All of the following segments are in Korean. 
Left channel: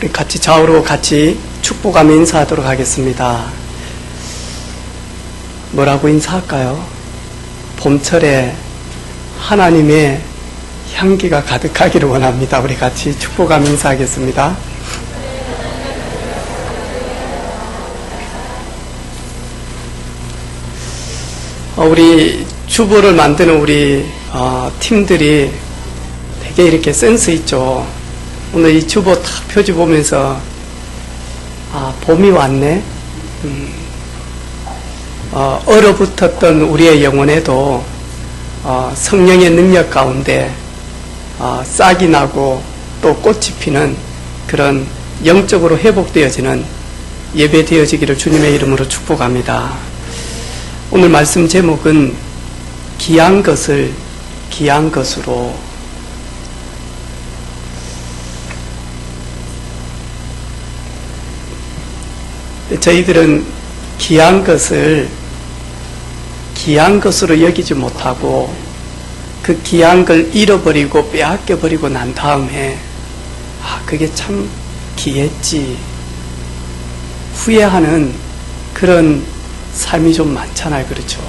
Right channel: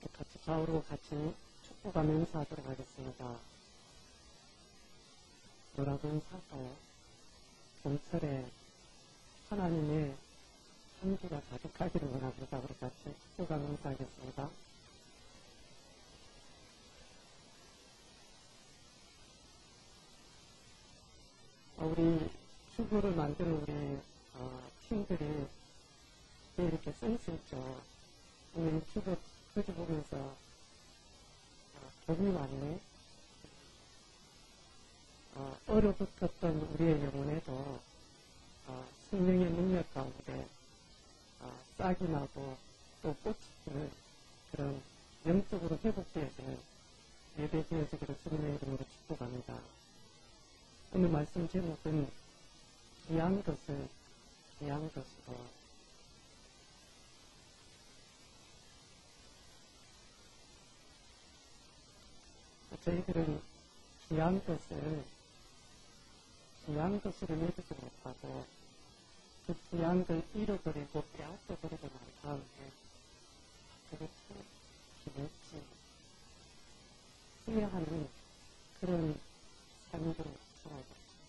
우리 같이 좌우로 같이 축복하며 인사하도록 하겠습니다. 뭐라고 인사할까요? 봄철에 하나님의 향기가 가득하기를 원합니다. 우리 같이 축복하며 인사하겠습니다. 우리 주보를 만드는 우리 팀들이 되게 이렇게 센스 있죠. 오늘 이 주보 딱 표지 보면서 봄이 왔네. 얼어붙었던 우리의 영혼에도 성령의 능력 가운데 싹이 나고 또 꽃이 피는 그런 영적으로 회복되어지는 예배 되어지기를 주님의 이름으로 축복합니다. 오늘 말씀 제목은 귀한 것을 귀한 것으로. 저희들은 귀한 것을 귀한 것으로 여기지 못하고 그 귀한 걸 잃어버리고 빼앗겨버리고 난 다음에 그게 참 귀했지 후회하는 그런 삶이 좀 많잖아요. 그렇죠?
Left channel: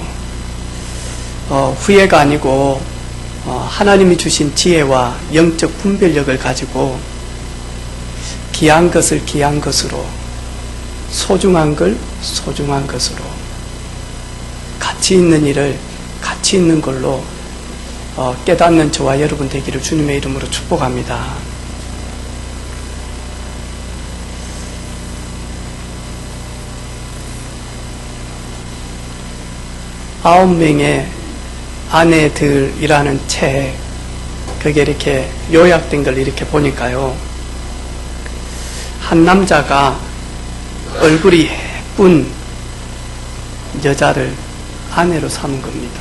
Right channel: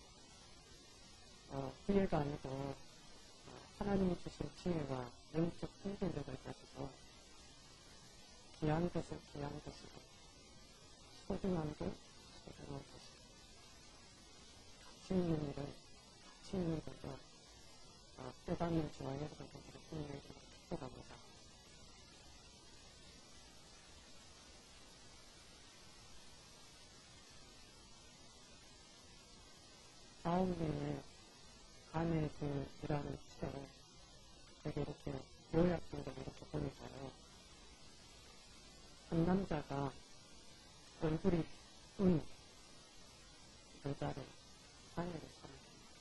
후회가 아니고 하나님이 주신 지혜와 영적 분별력을 가지고 귀한 것을 귀한 것으로, 소중한 걸 소중한 것으로, 가치 있는 일을 가치 있는 걸로 깨닫는 저와 여러분 되기를 주님의 이름으로 축복합니다. 아홉 명의 아내들이라는 책, 그게 이렇게 요약된 걸 이렇게 보니까요, 한 남자가 얼굴이 예쁜 여자를 아내로 삼은 겁니다.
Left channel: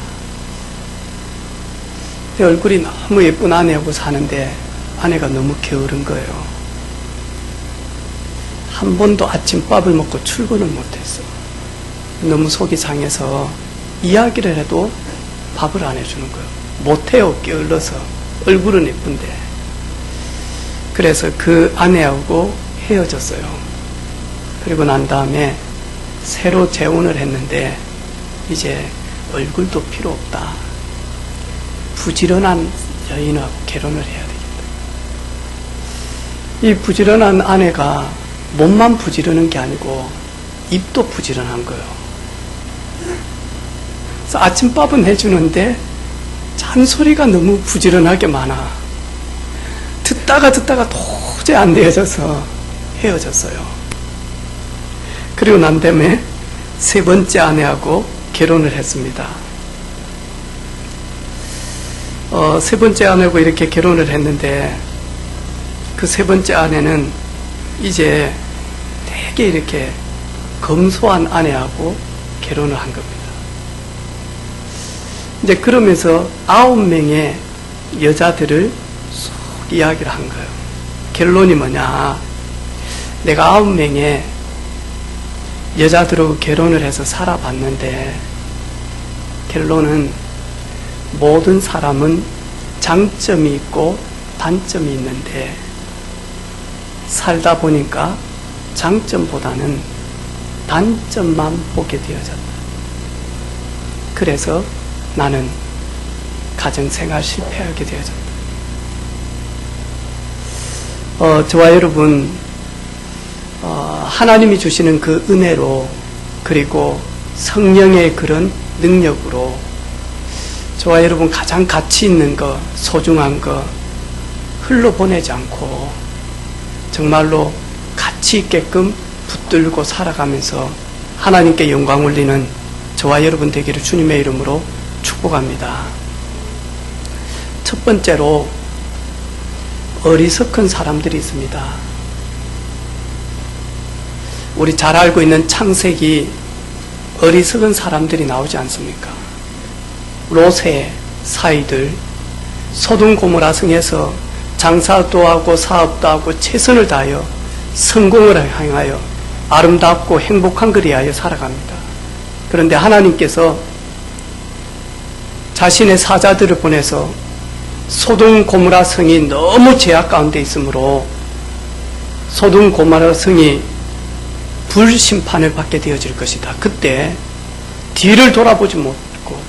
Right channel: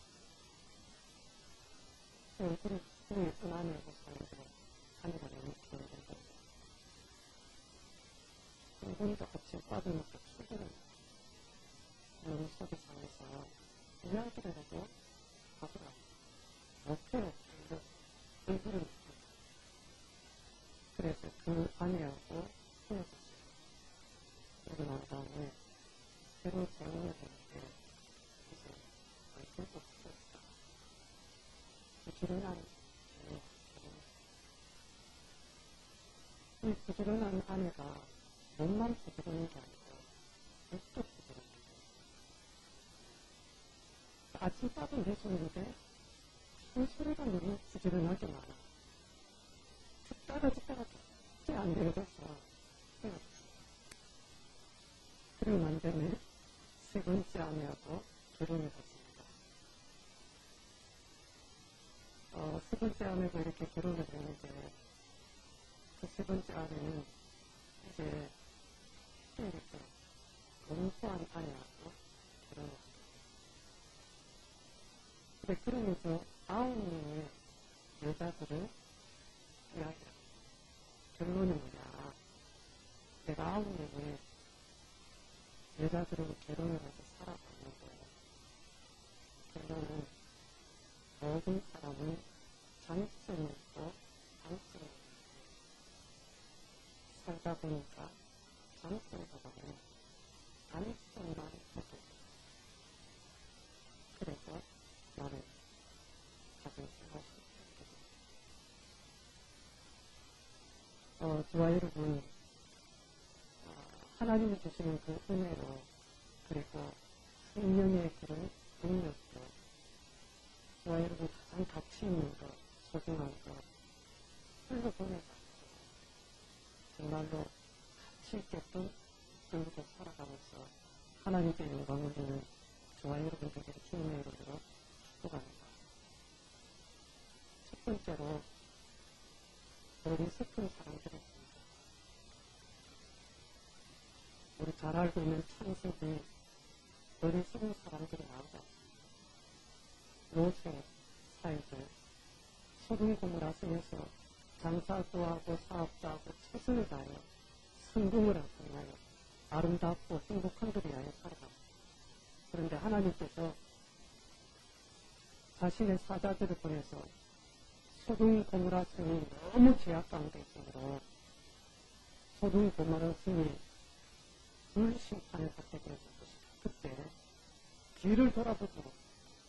얼굴이 너무 예쁜 아내하고 사는데 아내가 너무 게으른 거예요. 한 번도 아침밥을 먹고 출근을 못했어. 너무 속이 상해서 이야기를 해도 밥을 안 해주는 거예요. 못해요. 게을러서. 얼굴은 예쁜데. 그래서 그 아내하고 헤어졌어요. 그리고 난 다음에 새로 재혼을 했는데 이제 얼굴도 필요 없다. 부지런한 여인하고 결혼을 해야 되겠다. 이 부지런한 아내가 몸만 부지런한 게 아니고 입도 부지런한 거예요. 그래서 아침밥은 해주는데 잔소리가 너무 부지런하게 많아. 듣다가 도저히 안 되어져서 헤어졌어요. 그리고 난 다음에 세 번째 아내하고 결혼을 했습니다. 세 번째 아내하고 이렇게 결혼을 했는데 그 세 번째 아내는 이제 되게 이렇게 검소한 아내하고 결혼을 한 겁니다. 이제 그러면서 9명의 여자들을 쏙 이야기를 한 거예요. 결론이 뭐냐? 내가 9명의 여자들하고 결혼을 해서 살아봤는데 결론은 모든 사람은 장점이 있고 단점이 있는데 살다 보니까 장점보다는 단점만 보게 되어졌다. 그래서 나는 가정생활 실패하게 되어졌다. 저와 여러분, 하나님이 주시는 그 은혜로, 그리고 성령의 그런 능력으로 저와 여러분 가장 가치 있는 거, 소중한 거 흘러보내지 않고 정말로 가치 있게끔 붙들고 살아가면서 하나님께 영광 올리는 저와 여러분 되기를 주님의 이름으로 축복합니다. 첫 번째로 어리석은 사람들이 있습니다. 우리 잘 알고 있는 창세기 어리석은 사람들이 나오지 않습니까? 롯의 사이들, 소돔 고모라 성에서 장사도 하고 사업도 하고 최선을 다하여 성공을 향하여 아름답고 행복한 걸 위하여 살아갑니다. 그런데 하나님께서 자신의 사자들을 보내서 소돔 고모라 성이 너무 죄악 가운데 있으므로 소돔 고모라 성이 불심판을 받게 되어질 것이다. 그때 뒤를 돌아보지 못하고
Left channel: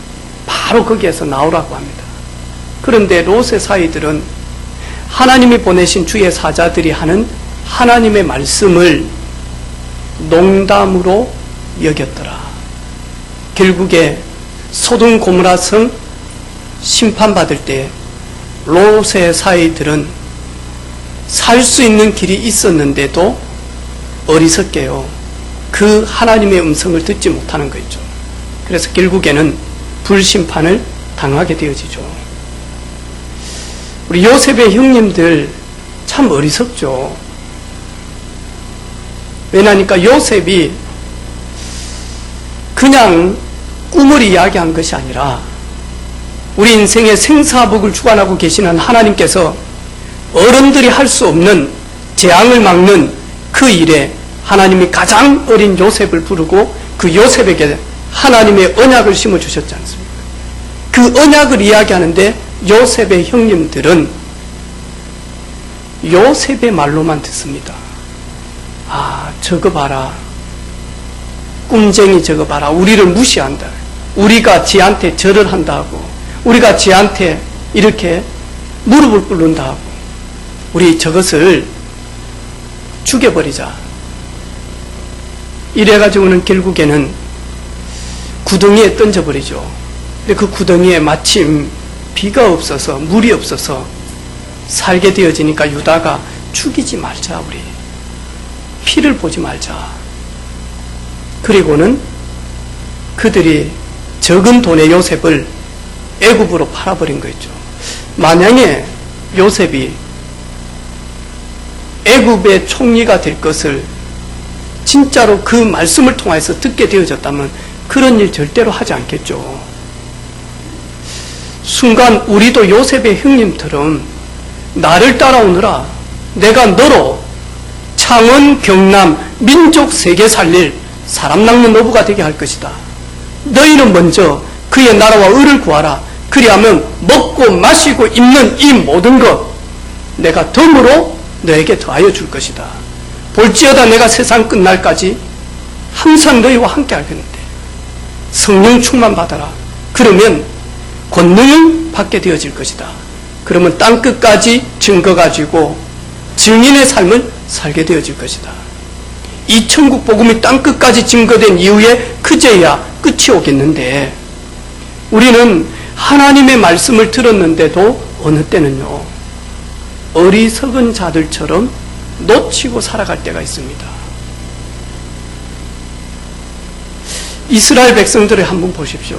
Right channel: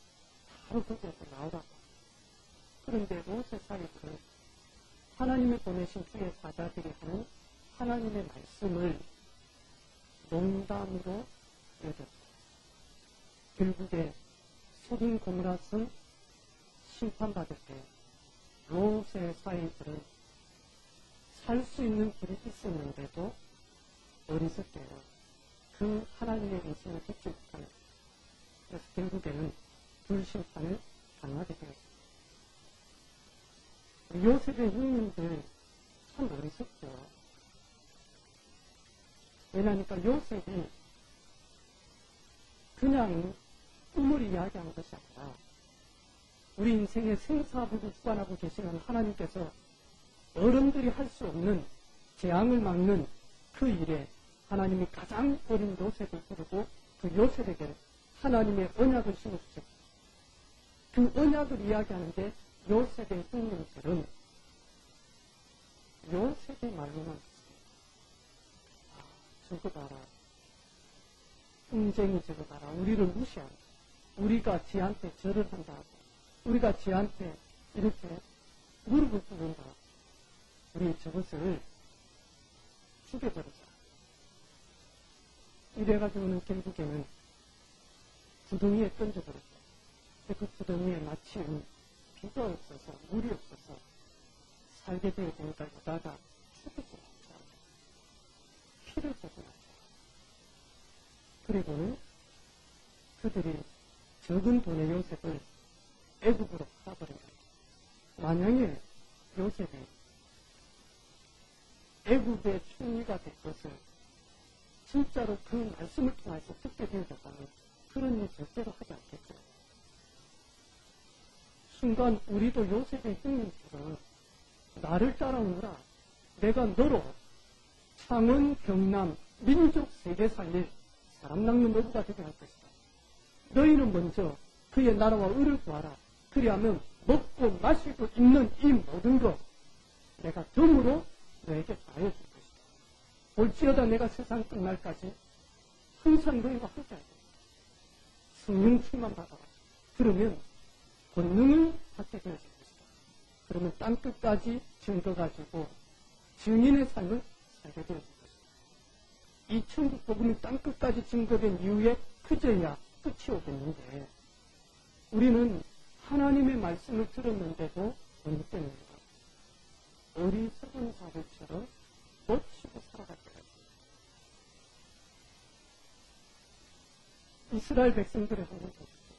바로 거기에서 나오라고 합니다. 그런데 롯의 사이들은 하나님이 보내신 주의 사자들이 하는 하나님의 말씀을 농담으로 여겼더라. 결국에 소돔 고모라 성 심판받을 때 롯의 사이들은 살 수 있는 길이 있었는데도 어리석게요, 그 하나님의 음성을 듣지 못하는 거죠. 그래서 결국에는 불심판을 당하게 되어지죠. 우리 요셉의 형님들 참 어리석죠. 왜냐니까 요셉이 그냥 꿈을 이야기한 것이 아니라 우리 인생의 생사복을 주관하고 계시는 하나님께서 어른들이 할 수 없는 재앙을 막는 그 일에 하나님이 가장 어린 요셉을 부르고 그 요셉에게 하나님의 언약을 심어주셨지 않습니까? 그 언약을 이야기하는데 요셉의 형님들은 요셉의 말로만 듣습니다. 아, 저거 봐라. 꿈쟁이 저거 봐라. 우리를 무시한다. 우리가 지한테 절을 한다고, 우리가 지한테 이렇게 무릎을 꿇는다고, 우리 저것을 죽여버리자. 이래가지고는 결국에는 구덩이에 던져버리죠. 근데 그 구덩이에 마침 비가 없어서, 물이 없어서 살게 되어지니까 유다가 죽이지 말자, 우리 피를 보지 말자. 그리고는 그들이 적은 돈의 요셉을 애굽으로 팔아버린 거죠. 만약에 요셉이 애굽의 총리가 될 것을 진짜로 그 말씀을 통해서 듣게 되어졌다면 그런 일 절대로 하지 않겠죠. 순간 우리도 요셉의 형님처럼 나를 따라오느라 내가 너로 창원, 경남, 민족 세계 살릴 사람 낚는 노부가 되게 할 것이다. 너희는 먼저 그의 나라와 의를 구하라. 그리하면 먹고 마시고 입는 이 모든 것 내가 덤으로 너에게 더하여 줄 것이다. 볼지어다 내가 세상 끝날까지 항상 너희와 함께 하겠는데 성령 충만 받아라. 그러면 권능을 받게 되어질 것이다. 그러면 땅끝까지 증거 가지고 증인의 삶을 살게 되어질 것이다. 이 천국 복음이 땅끝까지 증거된 이후에 그제야 끝이 오겠는데 우리는 하나님의 말씀을 들었는데도 어느 때는요, 어리석은 자들처럼 놓치고 살아갈 때가 있습니다. 이스라엘 백성들을 한번 보십시오.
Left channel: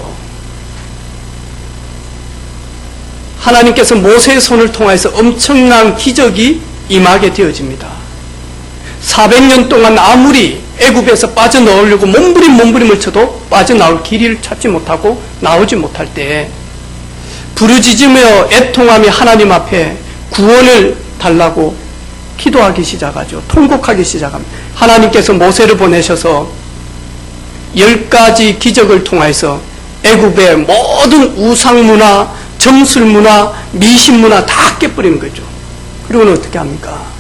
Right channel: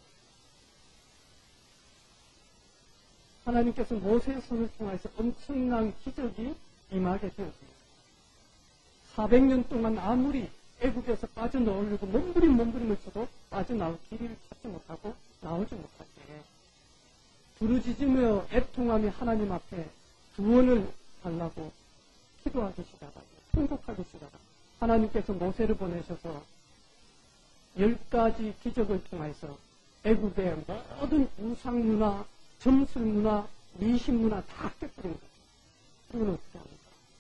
하나님께서 모세의 손을 통해서 엄청난 기적이 임하게 되어집니다. 400년 동안 아무리 애굽에서 빠져나오려고 몸부림을 쳐도 빠져나올 길을 찾지 못하고 나오지 못할 때 부르짖으며 애통하며 하나님 앞에 구원을 달라고 기도하기 시작하죠. 통곡하기 시작합니다. 하나님께서 모세를 보내셔서 10가지 기적을 통해서 애굽의 모든 우상문화, 점술문화, 미신문화 다 깨버리는 거죠. 그리고는 어떻게 합니까?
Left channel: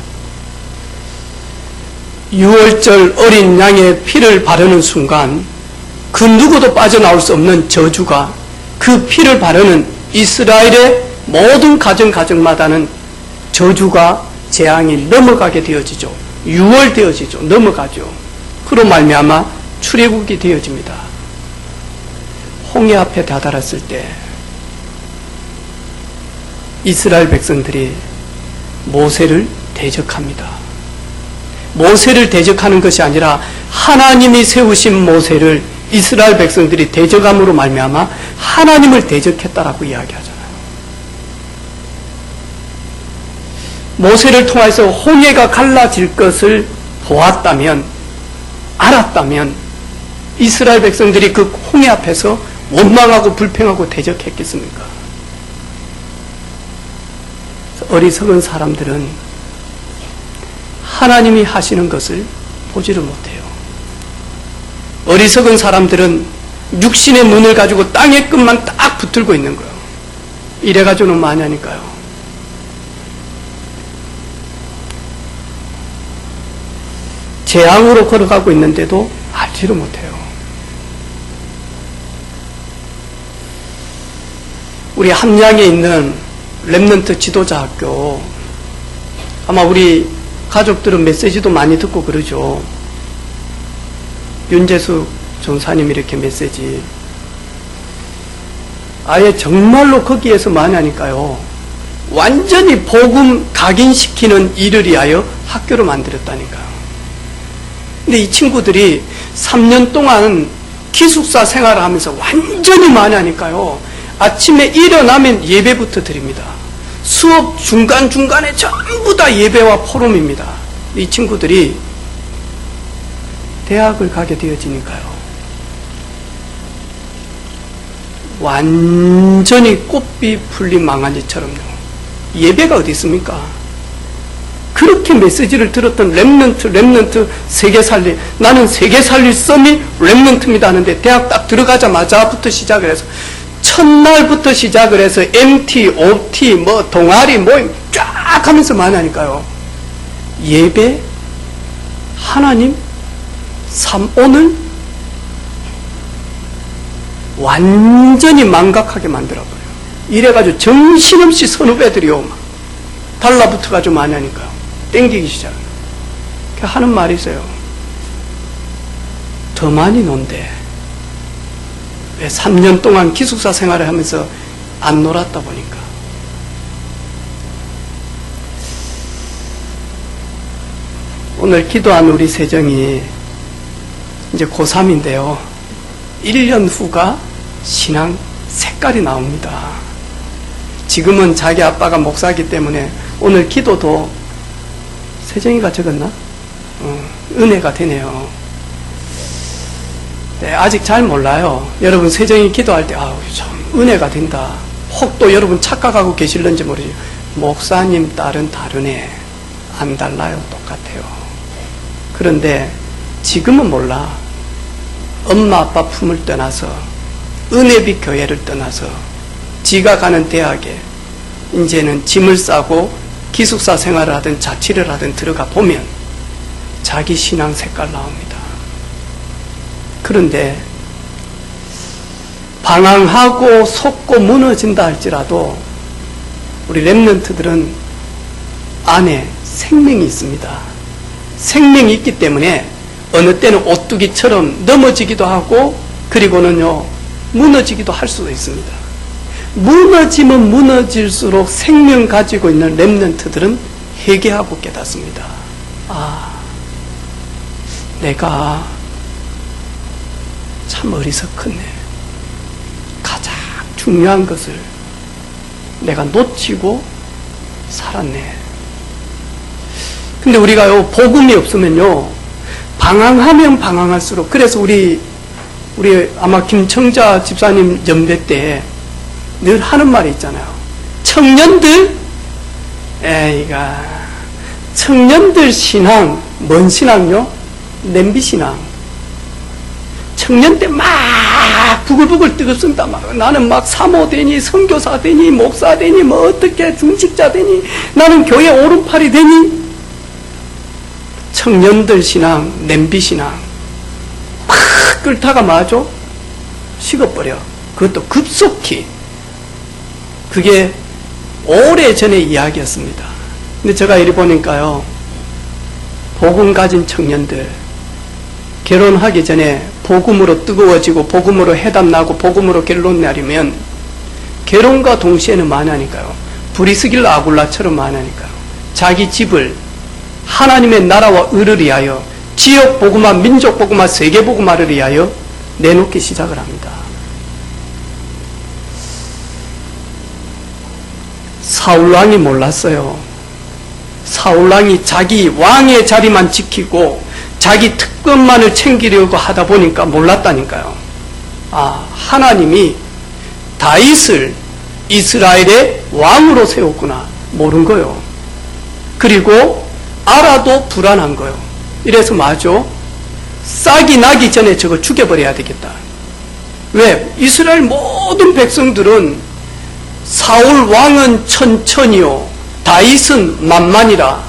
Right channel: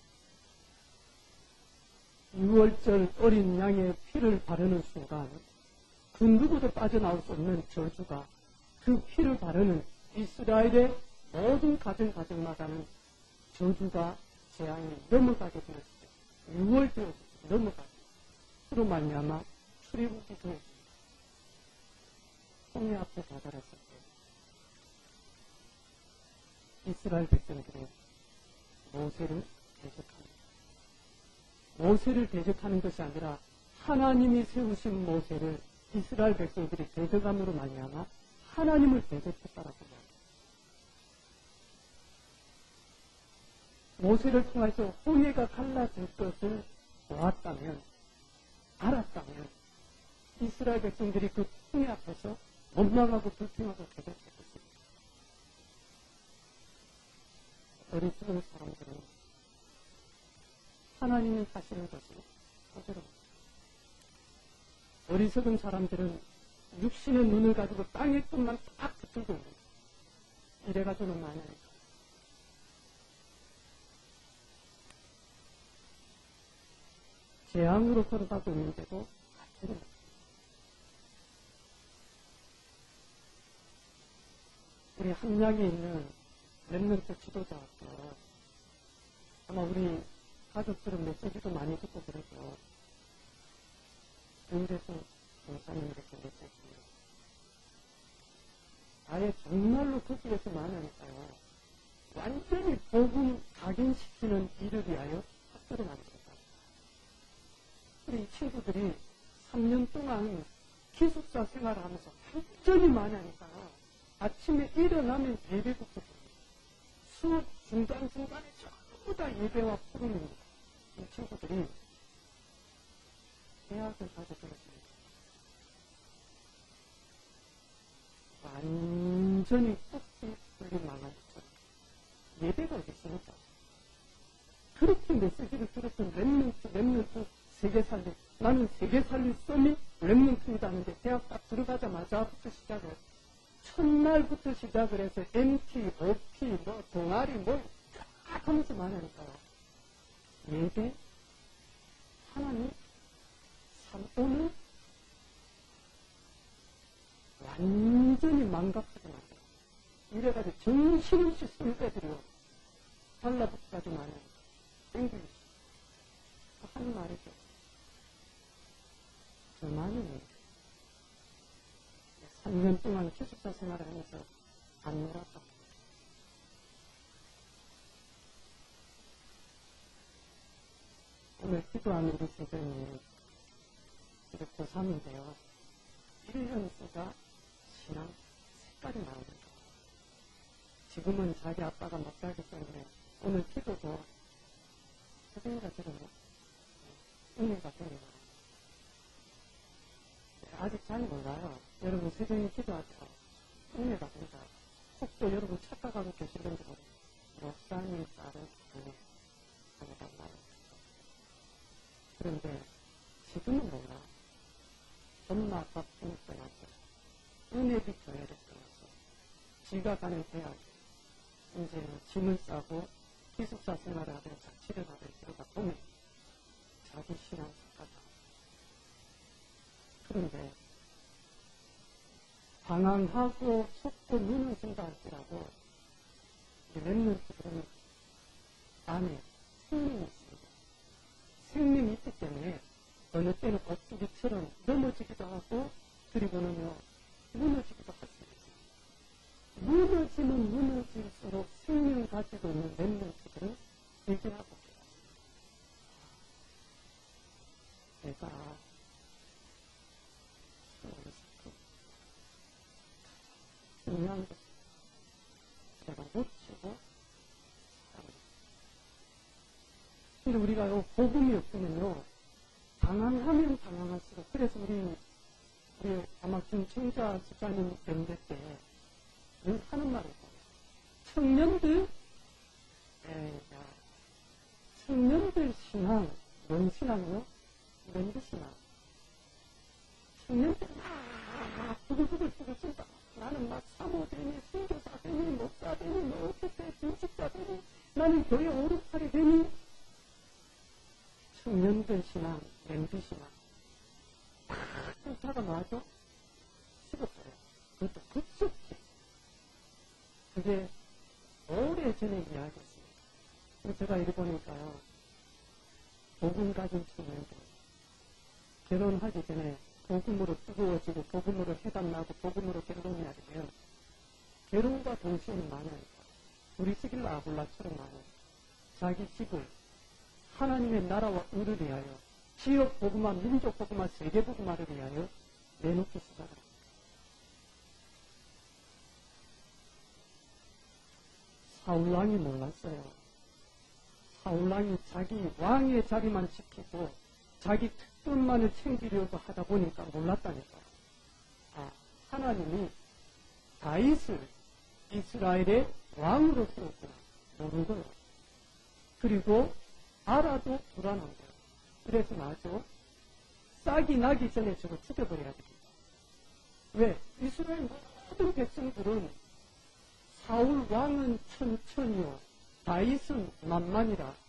6월절 어린 양의 피를 바르는 순간 그 누구도 빠져나올 수 없는 저주가 그 피를 바르는 이스라엘의 모든 가정마다는 저주가 재앙이 넘어가게 되어지죠. 6월 되어지죠. 넘어가죠. 그로 말미암아 출애굽이 되어집니다. 홍해 앞에 다다랐을 때 이스라엘 백성들이 모세를 대적합니다. 모세를 대적하는 것이 아니라 하나님이 세우신 모세를 이스라엘 백성들이 대적함으로 말미암아 하나님을 대적했다라고 이야기하잖아요. 모세를 통해서 홍해가 갈라질 것을 보았다면, 알았다면 이스라엘 백성들이 그 홍해 앞에서 원망하고 불평하고 대적했겠습니까? 어리석은 사람들은 하나님이 하시는 것을 보지를 못해요. 어리석은 사람들은 육신의 눈을 가지고 땅의 끝만 딱 붙들고 있는 거예요. 이래가지고는 많이 하니까요. 재앙으로 걸어가고 있는데도 알지를 못해요. 우리 함양에 있는 렘넌트 지도자 학교, 아마 우리 가족들은 메시지도 많이 듣고 그러죠. 윤재수 전사님 이렇게 메시지. 아예 정말로 거기에서 많이 하니까요. 완전히 복음 각인시키는 일을 위하여 학교를 만들었다니까요. 근데 이 친구들이 3년 동안 기숙사 생활을 하면서 완전히 많이 하니까요. 아침에 일어나면 예배부터 드립니다. 수업 중간중간에 전부 다 예배와 포럼입니다. 이 친구들이 대학을 가게 되어지니까요. 완전히 꽃비 풀린 망아지처럼요. 예배가 어디 있습니까? 그렇게 메시지를 들었던 렘넌트 세계 살리, 나는 세계 살릴 썸이 렘넌트입니다 하는데 대학 딱 들어가자마자부터 시작을 해서 첫날부터 시작을 해서 MT, OT, 뭐 동아리 모임 쫙 하면서 많이 하니까요. 예배, 하나님, 오늘 완전히 망각하게 만들어버려요. 이래가지고 정신없이 선후배들이요. 막 달라붙어가지고 많이 하니까요. 땡기기 시작해요. 하는 말이 있어요. 더 많이 논대. 왜 3년 동안 기숙사 생활을 하면서 안 놀았다 보니까. 오늘 기도한 우리 세정이 이제 고3인데요. 1년 후가 신앙 색깔이 나옵니다. 지금은 자기 아빠가 목사이기 때문에 오늘 기도도 세정이가 적었나? 은혜가 되네요. 네, 아직 잘 몰라요. 여러분 세정이 기도할 때 참 은혜가 된다. 혹 또 여러분 착각하고 계실는지 모르죠. 목사님 딸은 다르네. 안 달라요. 똑같아요. 그런데 지금은 몰라. 엄마 아빠 품을 떠나서 은혜비 교회를 떠나서 지가 가는 대학에 이제는 짐을 싸고 기숙사 생활을 하든 자취를 하든 들어가 보면 자기 신앙 색깔 나옵니다. 그런데 방황하고 속고 무너진다 할지라도 우리 렘넌트들은 안에 생명이 있습니다. 생명이 있기 때문에 어느 때는 오뚜기처럼 넘어지기도 하고 그리고는요 무너지기도 할 수도 있습니다. 무너지면 무너질수록 생명 가지고 있는 렘넌트들은 회개하고 깨닫습니다. 내가 참 어리석었네. 가장 중요한 것을 내가 놓치고 살았네. 근데 우리가요 복음이 없으면요 방황하면 방황할수록, 그래서 우리 아마 김청자 집사님 연배 때 늘 하는 말이 있잖아요. 청년들 신앙, 뭔 신앙요? 냄비 신앙. 청년 때 막 부글부글 뜨겁습니다. 나는 막 사모 되니, 선교사 되니, 목사 되니, 뭐 어떻게 중직자 되니, 나는 교회 오른팔이 되니. 청년들 신앙, 냄비 신앙. 막 끓다가 마죠? 식어버려. 그것도 급속히. 그게 오래전의 이야기였습니다. 근데 제가 이리 보니까요, 복음 가진 청년들, 결혼하기 전에 복음으로 뜨거워지고 복음으로 해답나고 복음으로 결론 내리면 결혼과 동시에는 많으니까요. 브리스길라 아굴라처럼 많으니까요. 자기 집을 하나님의 나라와 의를 위하여, 지역 복음화, 민족 복음화, 세계 복음화를 위하여 내놓기 시작을 합니다. 사울왕이 몰랐어요. 사울왕이 자기 왕의 자리만 지키고 자기 특권만을 챙기려고 하다 보니까 몰랐다니까요. 하나님이 다윗을 이스라엘의 왕으로 세웠구나. 모른 거요. 그리고 알아도 불안한 거요. 이래서 맞죠? 싹이 나기 전에 저거 죽여버려야 되겠다. 왜? 이스라엘 모든 백성들은 사울 왕은 천천히요, 다윗은 만만이라.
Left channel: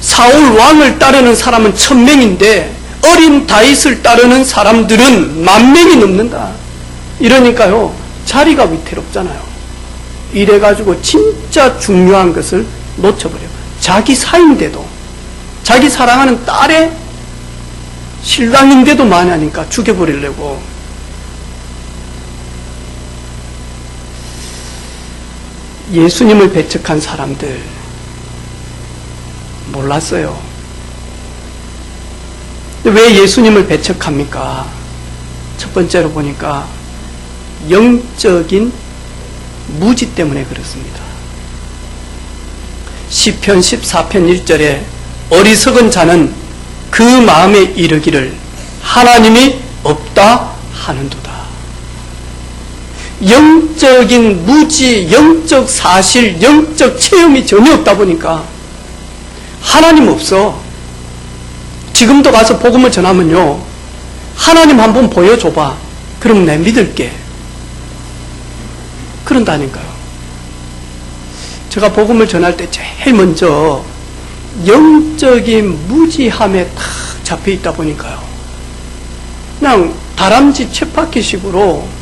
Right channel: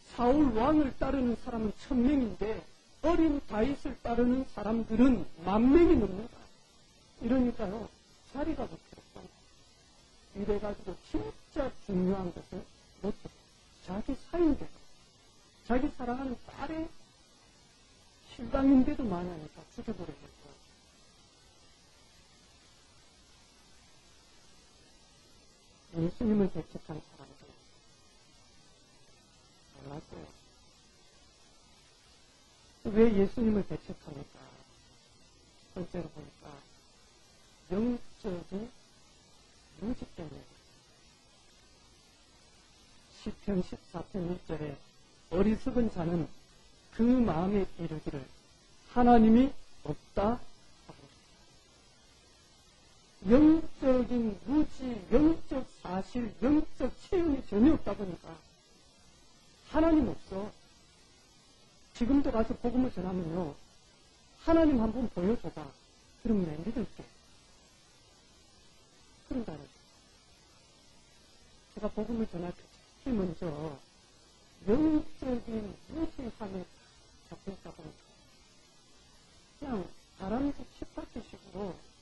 사울 왕을 따르는 사람은 1000명인데 어린 다윗을 따르는 사람들은 10,000명이 넘는다. 이러니까요, 자리가 위태롭잖아요. 이래가지고 진짜 중요한 것을 놓쳐버려요. 자기 사인데도, 자기 사랑하는 딸의 신랑인데도 만하니까 죽여버리려고. 예수님을 배척한 사람들 몰랐어요. 왜 예수님을 배척합니까? 첫 번째로 보니까 영적인 무지 때문에 그렇습니다. 시편 14편 1절에 어리석은 자는 그 마음에 이르기를 하나님이 없다 하는도다. 영적인 무지, 영적 사실, 영적 체험이 전혀 없다 보니까 하나님 없어. 지금도 가서 복음을 전하면요, 하나님 한번 보여줘봐. 그럼 내 믿을게. 그런다니까요. 제가 복음을 전할 때 제일 먼저 영적인 무지함에 탁 잡혀 있다 보니까요, 그냥 다람쥐 쳇바퀴식으로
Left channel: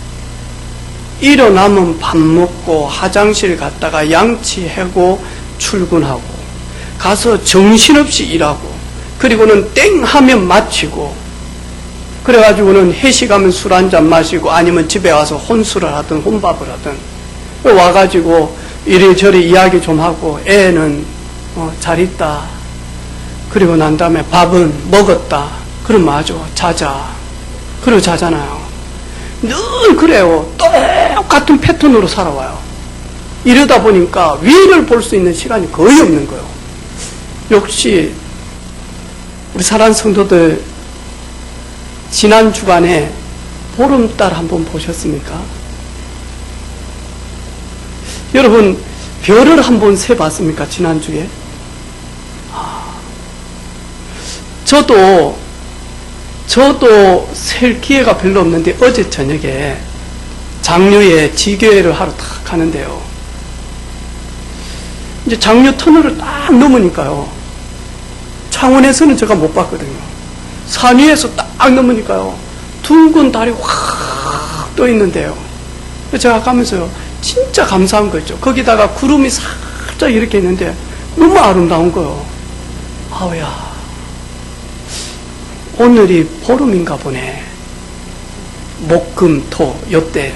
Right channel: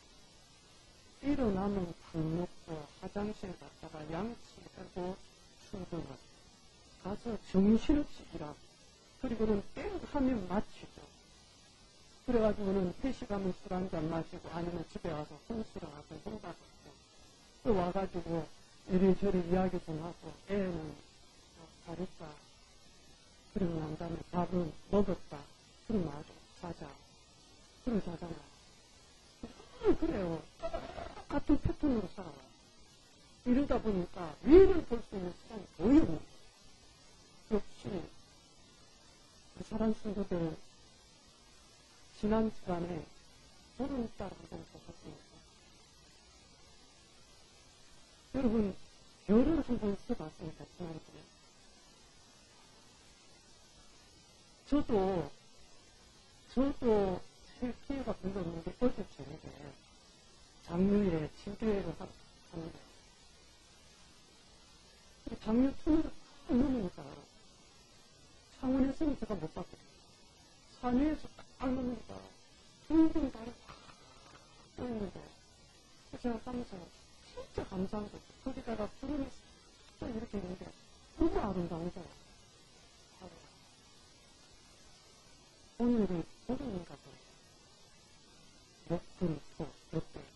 일어나면 밥 먹고 화장실 갔다가 양치하고 출근하고 가서 정신없이 일하고 그리고는 땡 하면 마치고 그래가지고는 회식하면 술 한잔 마시고 아니면 집에 와서 혼술을 하든 혼밥을 하든 와가지고 이리저리 이야기 좀 하고 애는 잘 있다. 그리고 난 다음에 밥은 먹었다. 그럼 맞아. 자자. 그리고 자잖아요. 늘 그래요. 똑같은 패턴으로 살아와요. 이러다 보니까 위를 볼 수 있는 시간이 거의 없는 거예요. 역시 우리 사랑하는 성도들, 지난 주간에 보름달 한번 보셨습니까? 여러분, 별을 한번 세봤습니까? 지난주에? 저도 셀 기회가 별로 없는데 어제 저녁에 장류에 지교회를 하러 딱 가는데요. 이제 장류 터널을 딱 넘으니까요, 창원에서는 제가 못 봤거든요. 산 위에서 딱 넘으니까요, 둥근 달이 확 떠 있는데요. 제가 가면서요, 진짜 감사한 거죠. 거기다가 구름이 살짝 이렇게 있는데 너무 아름다운 거예요. 아우야, 오늘이 보름인가 보네. 목, 금, 토, 요때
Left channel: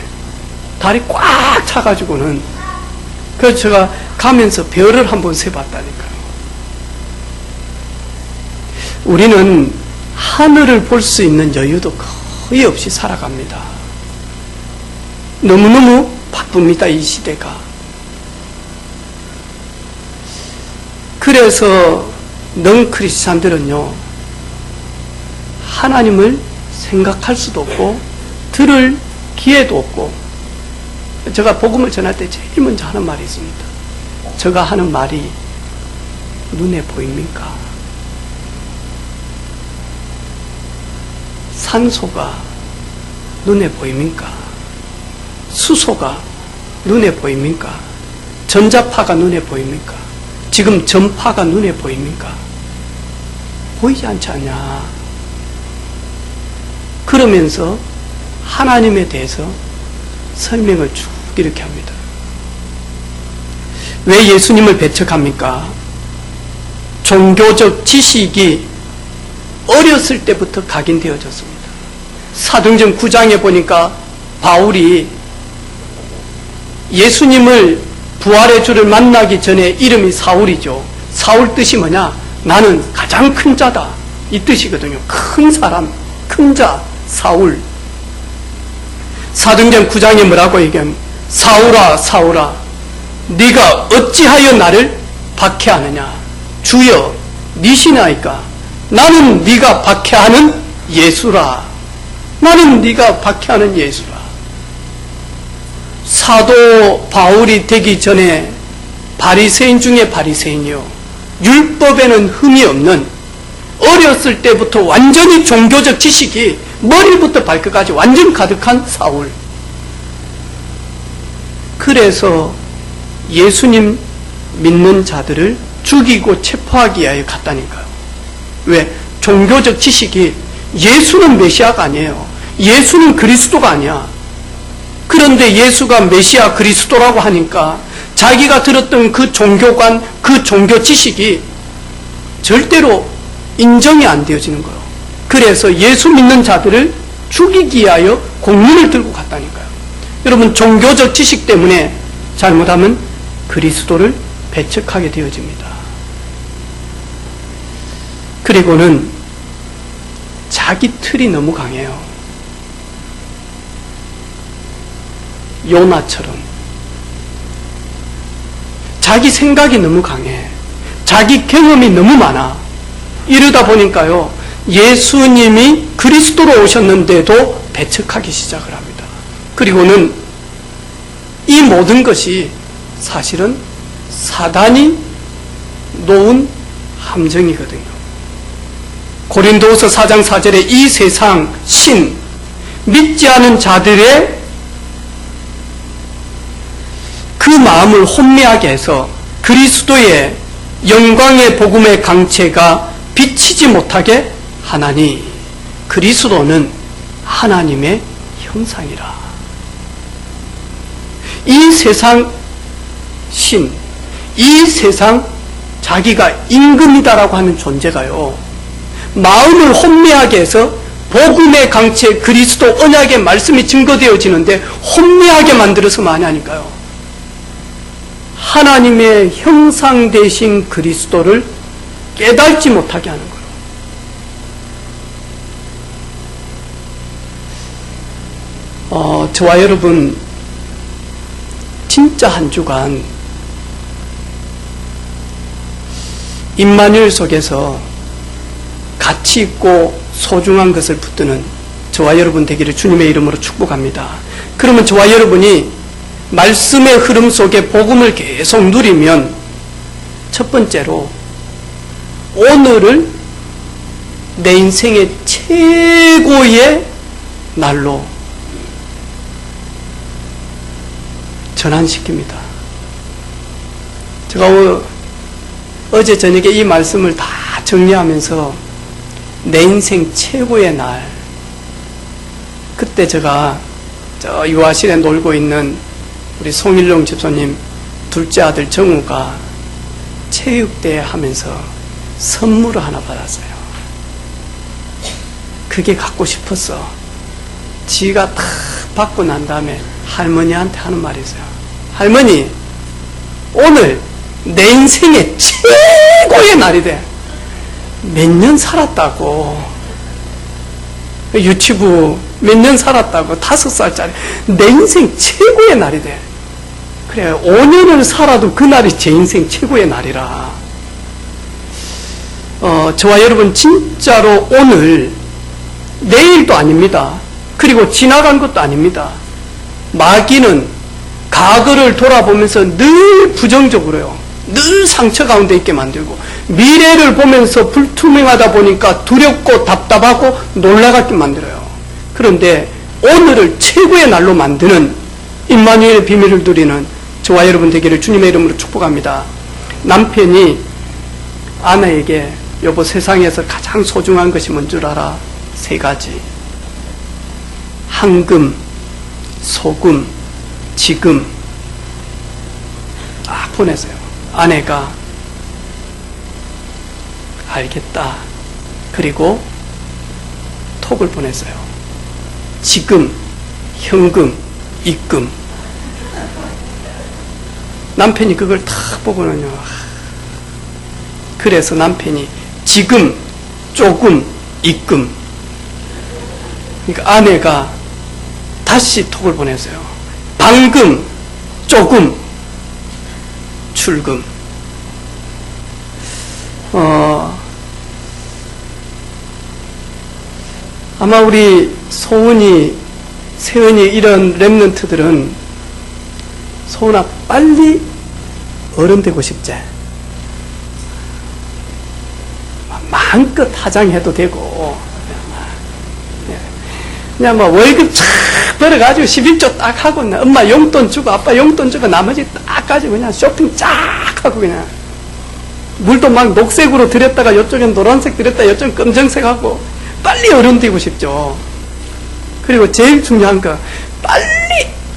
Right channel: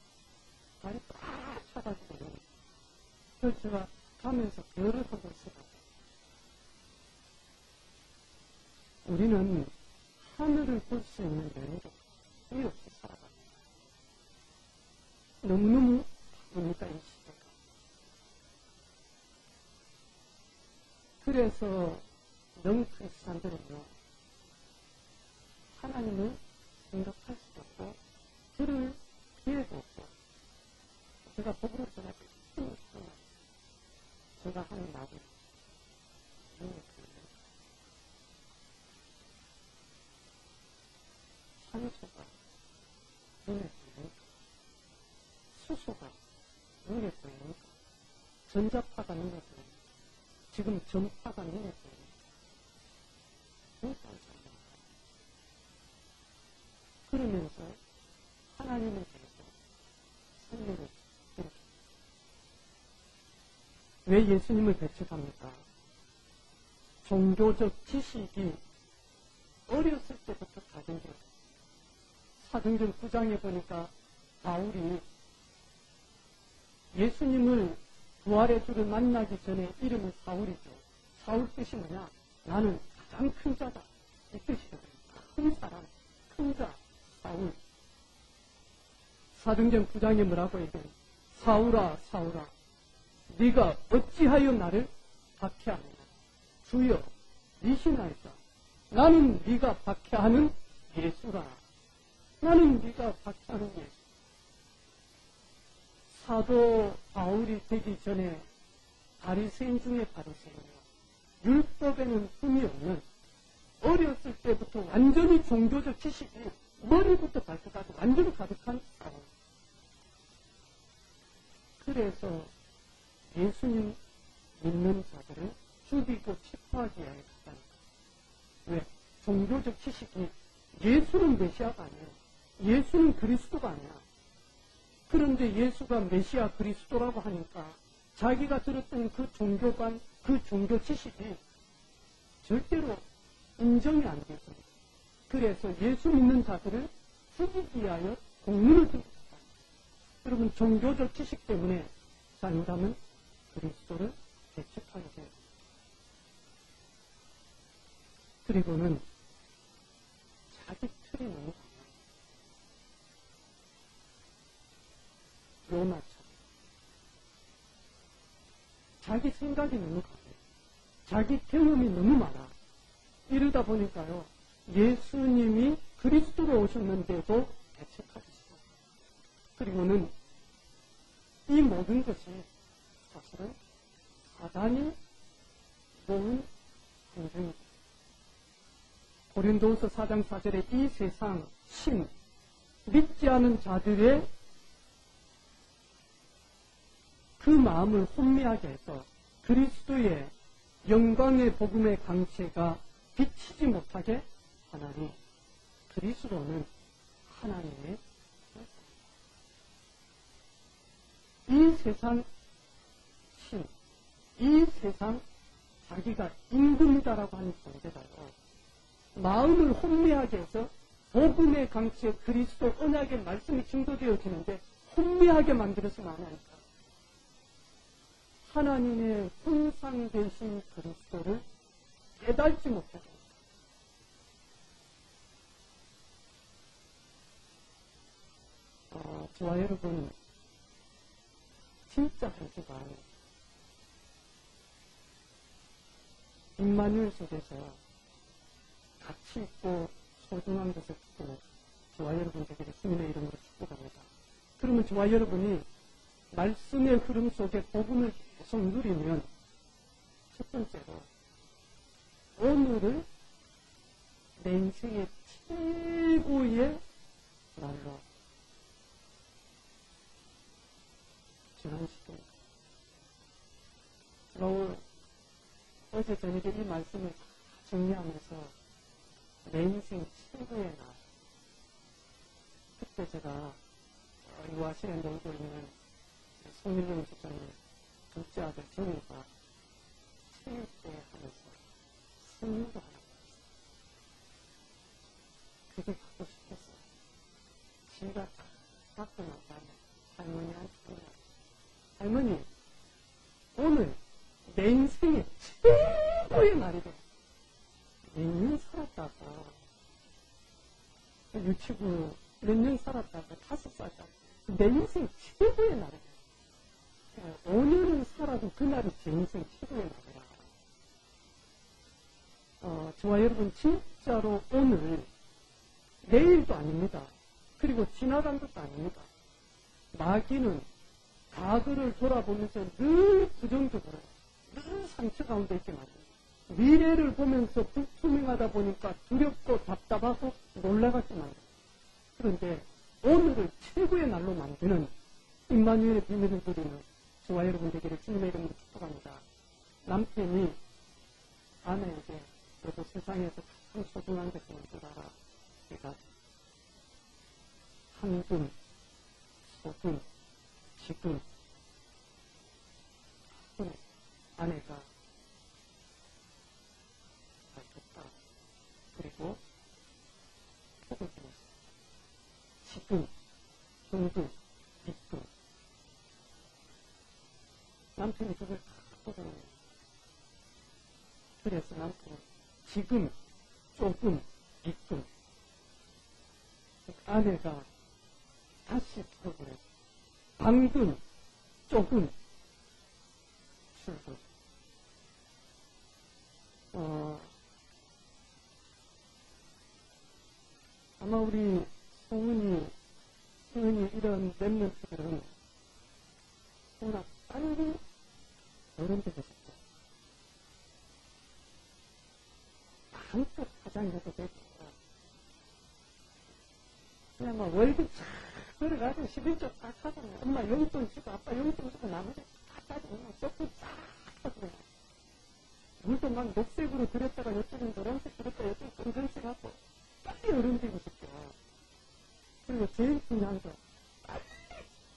달이 꽉 차가지고는. 그래서 제가 가면서 별을 한번 세봤다니까요. 우리는 하늘을 볼 수 있는 여유도 거의 없이 살아갑니다. 너무너무 바쁩니다, 이 시대가. 그래서 넌 크리스찬들은요, 하나님을 생각할 수도 없고 들을 기회도 없고. 제가 복음을 전할 때 제일 먼저 하는 말이 있습니다. 제가 하는 말이 눈에 보입니까? 산소가 눈에 보입니까? 수소가 눈에 보입니까? 전자파가 눈에 보입니까? 지금 전파가 눈에 보입니까? 보이지 않지 않냐? 그러면서 하나님에 대해서 설명을 쭉 이렇게 합니다. 왜 예수님을 배척합니까? 종교적 지식이 어렸을 때부터 각인되어졌습니다. 사도행전 9장에 보니까 바울이 예수님을 부활의 주를 만나기 전에 이름이 사울이죠. 사울 뜻이 뭐냐? 나는 가장 큰 자다, 이 뜻이거든요. 큰 사람, 큰 자, 사울. 사도행전 9장에 뭐라고 얘기하면, 사울아 사울아 네가 어찌하여 나를 박해하느냐? 주여 니시나이까? 나는 네가 박해하는 예수라. 나는 네가 박해하는 예수라. 사도 바울이 되기 전에 바리새인 중에 바리새인이요, 율법에는 흠이 없는, 어렸을 때부터 완전히 종교적 지식이 머리부터 발끝까지 완전 가득한 사울. 그래서 예수님 믿는 자들을 죽이고 체포하기 위하여 갔다니까요. 왜? 종교적 지식이 예수는 메시아가 아니에요. 예수는 그리스도가 아니야. 그런데 예수가 메시아 그리스도라고 하니까 자기가 들었던 그 종교관, 그 종교 지식이 절대로 인정이 안 되어지는 거예요. 그래서 예수 믿는 자들을 죽이기 위하여 공문을 들고 갔다니까요. 여러분, 종교적 지식 때문에 잘못하면 그리스도를 배척하게 되어집니다. 그리고는 자기 틀이 너무 강해요. 요나처럼 자기 생각이 너무 강해. 자기 경험이 너무 많아. 이러다 보니까요, 예수님이 그리스도로 오셨는데도 배척하기 시작을 합니다. 그리고는 이 모든 것이 사실은 사단이 놓은 함정이거든요. 고린도후서 4장 4절에 이 세상 신, 믿지 않은 자들의 그 마음을 혼미하게 해서 그리스도의 영광의 복음의 강체가 비치지 못하게 하나니 그리스도는 하나님의 형상이라. 이 세상 신, 이 세상 자기가 임금이다라고 하는 존재가요, 마음을 혼미하게 해서 복음의 강체 그리스도 언약의 말씀이 증거되어지는데 혼미하게 만들어서 많이 하니까요, 하나님의 형상 되신 그리스도를 깨닫지 못하게 하는 거예요. 저와 여러분 진짜 한 주간 임마누엘 속에서 가치 있고 소중한 것을 붙드는 저와 여러분 되기를 주님의 이름으로 축복합니다. 그러면 저와 여러분이 말씀의 흐름 속에 복음을 계속 누리면 첫 번째로 오늘을 내 인생의 최고의 날로 전환시킵니다. 제가 어제 저녁에 이 말씀을 다 정리하면서 내 인생 최고의 날, 그때 제가 저 유아실에 놀고 있는 우리 송일용 집사님 둘째 아들 정우가 체육대회 하면서 선물을 하나 받았어요. 그게 갖고 싶었어. 지가 다 받고 난 다음에 할머니한테 하는 말이 있어요. 할머니, 오늘 내 인생의 최고의 날이 돼. 몇 년 살았다고. 유치부 몇 년 살았다고. 5살짜리. 내 인생 최고의 날이 돼. 그래, 5년을 살아도 그날이 제 인생 최고의 날이라. 저와 여러분 진짜로 오늘, 내일도 아닙니다. 그리고 지나간 것도 아닙니다. 마귀는 과거를 돌아보면서 늘 부정적으로요, 늘 상처 가운데 있게 만들고, 미래를 보면서 불투명하다 보니까 두렵고 답답하고 놀라게 만들어요. 그런데 오늘을 최고의 날로 만드는 임마누엘의 비밀을 누리는 저와 여러분 되기를 주님의 이름으로 축복합니다. 남편이 아내에게 여보, 세상에서 가장 소중한 것이 뭔 줄 알아? 3가지. 황금, 소금, 지금. 보내세요. 아내가 알겠다. 그리고 톡을 보냈어요. 지금, 현금, 입금. 남편이 그걸 탁 보고는요, 그래서 남편이 지금, 조금, 입금. 그러니까 아내가 다시 톡을 보냈어요. 방금, 조금, 출금. 아마 우리 소은이, 세은이 이런 랩런트들은 소은아 빨리 어른 되고 싶지? 마음껏 화장해도 되고, 그냥 뭐 월급 쫙 벌어가지고 11조 딱 하고, 엄마 용돈 주고 아빠 용돈 주고 나머지 딱 가지고 그냥 쇼핑 쫙 하고 그냥. 물도 막 녹색으로 들였다가 이쪽엔 노란색 들였다 이쪽엔 검정색하고 빨리 어른 되고 싶죠. 그리고 제일 중요한 거 빨리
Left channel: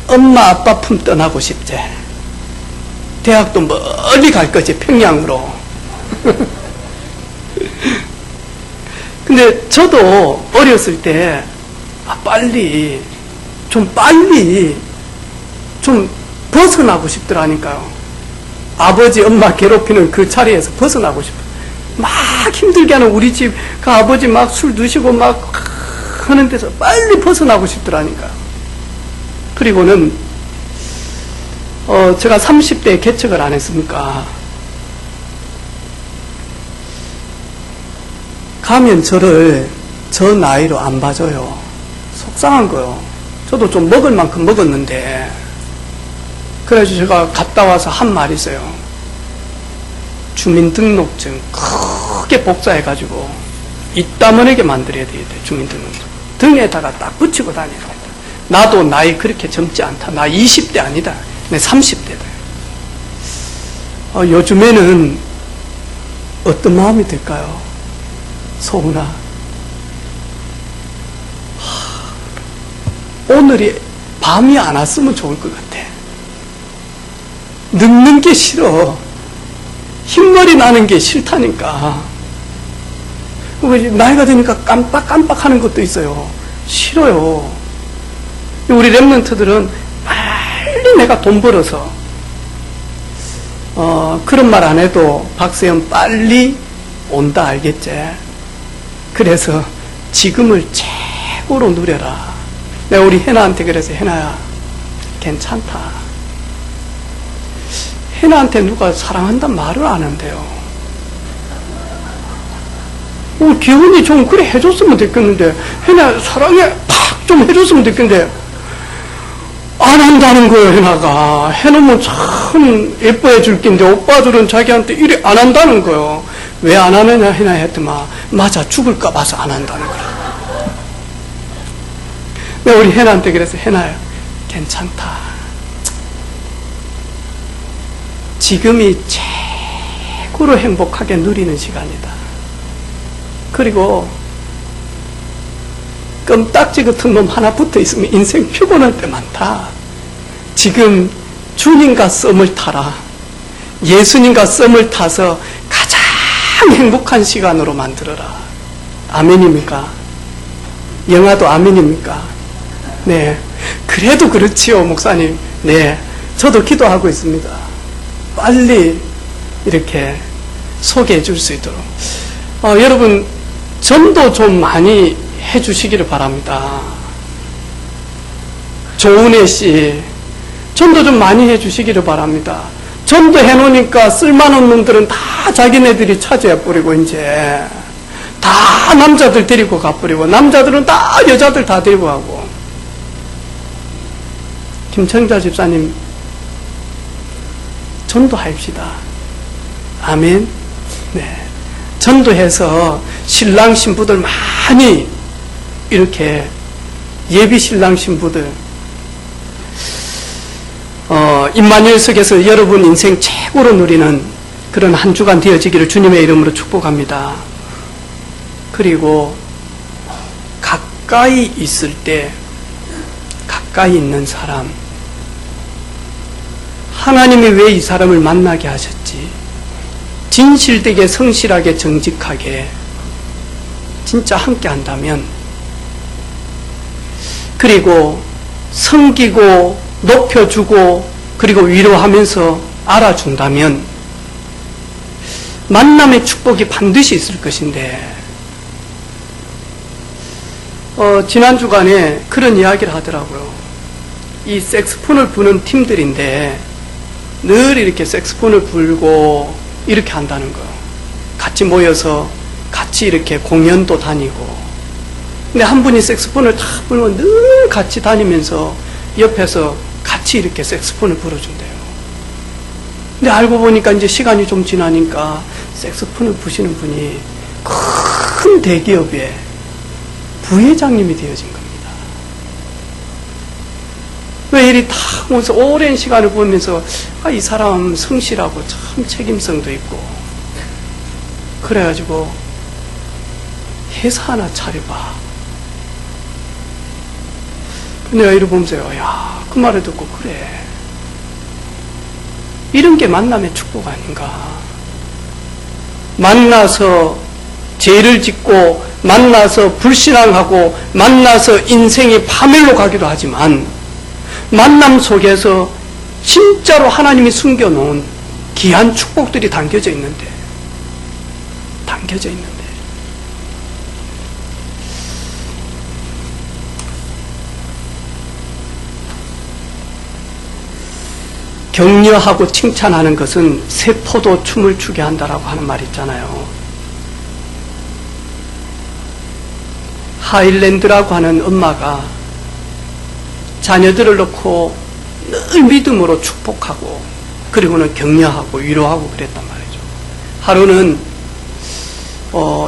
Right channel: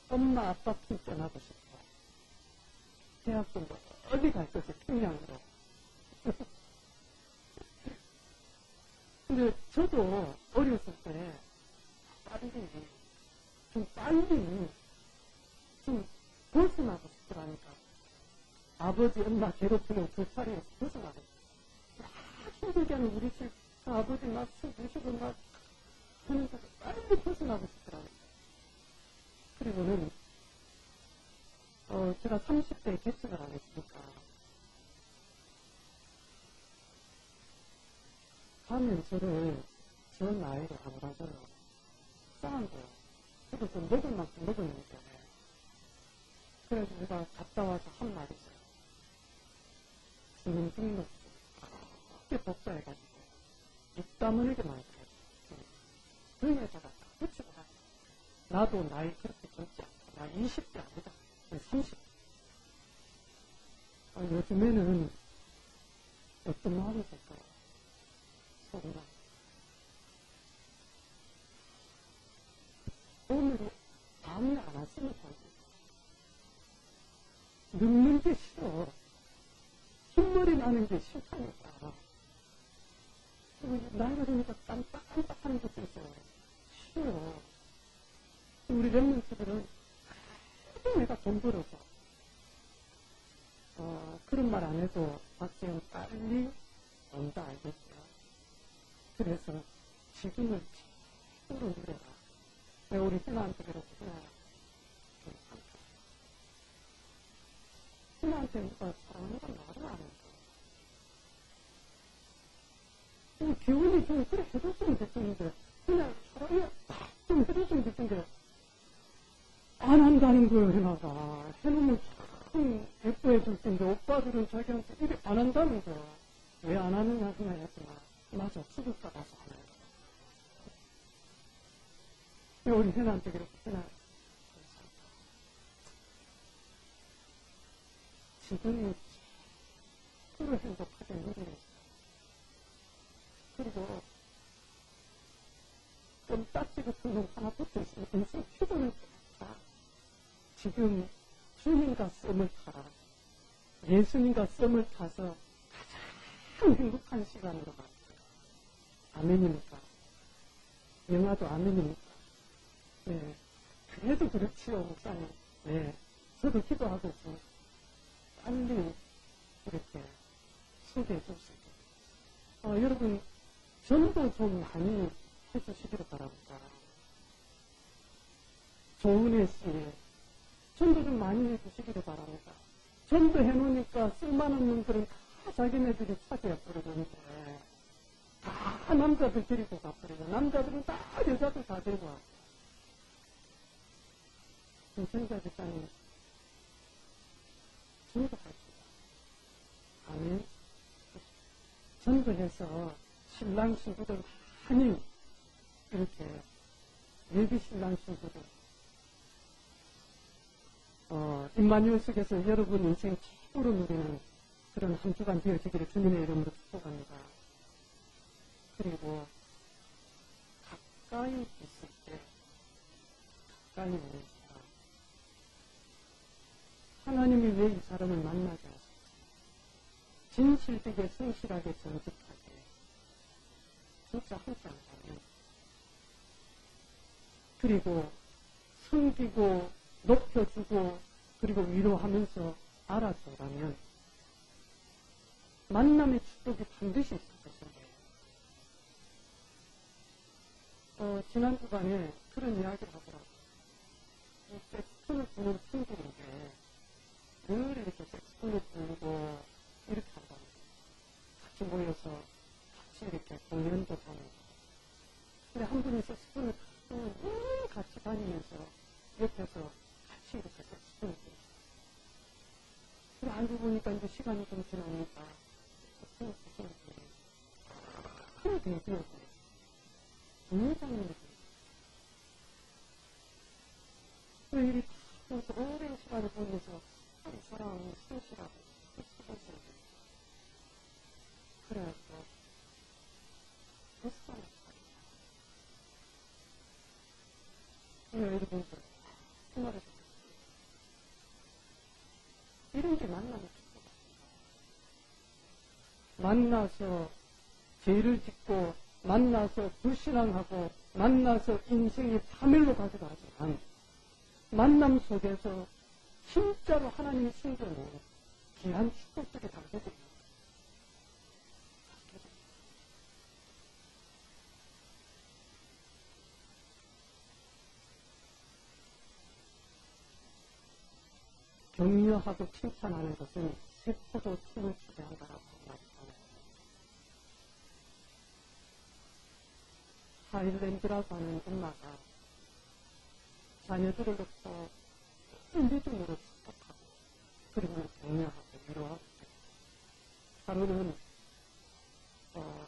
엄마 아빠 품 떠나고 싶지. 대학도 멀리 갈 거지, 평양으로. 근데 저도 어렸을 때 빨리 좀 벗어나고 싶더라니까요. 아버지 엄마 괴롭히는 그 자리에서 벗어나고 싶어. 막 힘들게 하는 우리 집 그 아버지 막 술 드시고 막 하는 데서 빨리 벗어나고 싶더라니까요. 그리고는 제가 30대에 개척을 안 했습니까? 가면 저를 저 나이로 안 봐줘요. 속상한 거요. 저도 좀 먹을 만큼 먹었는데. 그래서 제가 갔다 와서 한 말이 있어요. 주민등록증 크게 복사해가지고 이따만하게 만들어야 되겠대. 주민등록증 등에다가 딱 붙이고 다녀야 된다. 나도 나이 그렇게 젊지 않다. 나 20대 아니다. 내 30대다. 요즘에는 어떤 마음이 들까요? 소은아, 오늘이 밤이 안 왔으면 좋을 것 같아. 늙는 게 싫어. 흰머리 나는 게 싫다니까. 나이가 드니까 깜빡깜빡하는 것도 있어요. 싫어요. 우리 랩런트들은 빨리 내가 돈 벌어서 그런 말 안 해도 박세현 빨리 온다 알겠지? 그래서 지금을 최고로 누려라. 내가 우리 해나한테 그래서 해나야 괜찮다. 해나한테 누가 사랑한다는 말을 안 한대요. 기훈이 좀 그래 해줬으면 됐겠는데, 해나 사랑해 팍 좀 해줬으면 됐겠는데 안 한다는 거예요. 해나가 해놓으면 참 예뻐해 줄 낀데 오빠들은 자기한테 이래 안 한다는 거예요. 왜 안 하느냐 해나 했더만 맞아, 죽을까 봐서 안 한다는 거야. 내가 우리 해나한테 그래서 해나야 괜찮다. 지금이 최고로 행복하게 누리는 시간이다. 그리고 껌딱지 같은 놈 하나 붙어 있으면 인생 피곤할 때 많다. 지금 주님과 썸을 타라. 예수님과 썸을 타서 가장 행복한 시간으로 만들어라. 아멘입니까? 영화도 아멘입니까? 네. 그래도 그렇지요, 목사님. 네. 저도 기도하고 있습니다. 빨리 이렇게 소개해 줄 수 있도록. 여러분, 전도 좀 많이 해 주시기를 바랍니다. 조은혜 씨, 전도 좀 많이 해 주시기를 바랍니다. 전도 해놓으니까 쓸만한 놈들은 다 자기네들이 차지해버리고, 이제. 다 남자들 데리고 가버리고, 남자들은 다 여자들 다 데리고 가고. 김청자 집사님, 전도합시다. 아멘. 네. 전도해서 신랑 신부들 많이 이렇게 예비 신랑 신부들 임마누엘석에서 여러분 인생 최고로 누리는 그런 한 주간 되어지기를 주님의 이름으로 축복합니다. 그리고 가까이 있을 때 가까이 있는 사람, 하나님이 왜 이 사람을 만나게 하셨지? 진실되게 성실하게 정직하게 진짜 함께 한다면, 그리고 섬기고 높여주고 그리고 위로하면서 알아준다면 만남의 축복이 반드시 있을 것인데, 지난 주간에 그런 이야기를 하더라고요. 이 색스폰을 부는 팀들인데 늘 이렇게 색스폰을 불고 이렇게 한다는 거예요. 같이 모여서 같이 이렇게 공연도 다니고. 근데 한 분이 색스폰을 탁 불면 늘 같이 다니면서 옆에서 같이 이렇게 색스폰을 불어준대요. 근데 알고 보니까 이제 시간이 좀 지나니까 색스폰을 부시는 분이 큰 대기업의 부회장님이 되어진 겁니다. 왜 이리 다 보면서 오랜 시간을 보면서 이 사람 성실하고 참 책임성도 있고 그래가지고 회사 하나 차려봐. 내가 이러고 보면서요, 야, 그 말을 듣고, 그래. 이런 게 만남의 축복 아닌가. 만나서 죄를 짓고, 만나서 불신앙하고, 만나서 인생이 파멸로 가기도 하지만, 만남 속에서 진짜로 하나님이 숨겨놓은 귀한 축복들이 담겨져 있는데, 격려하고 칭찬하는 것은 세포도 춤을 추게 한다라고 하는 말이 있잖아요. 하일랜드라고 하는 엄마가 자녀들을 놓고 늘 믿음으로 축복하고 그리고는 격려하고 위로하고 그랬단 말이죠. 하루는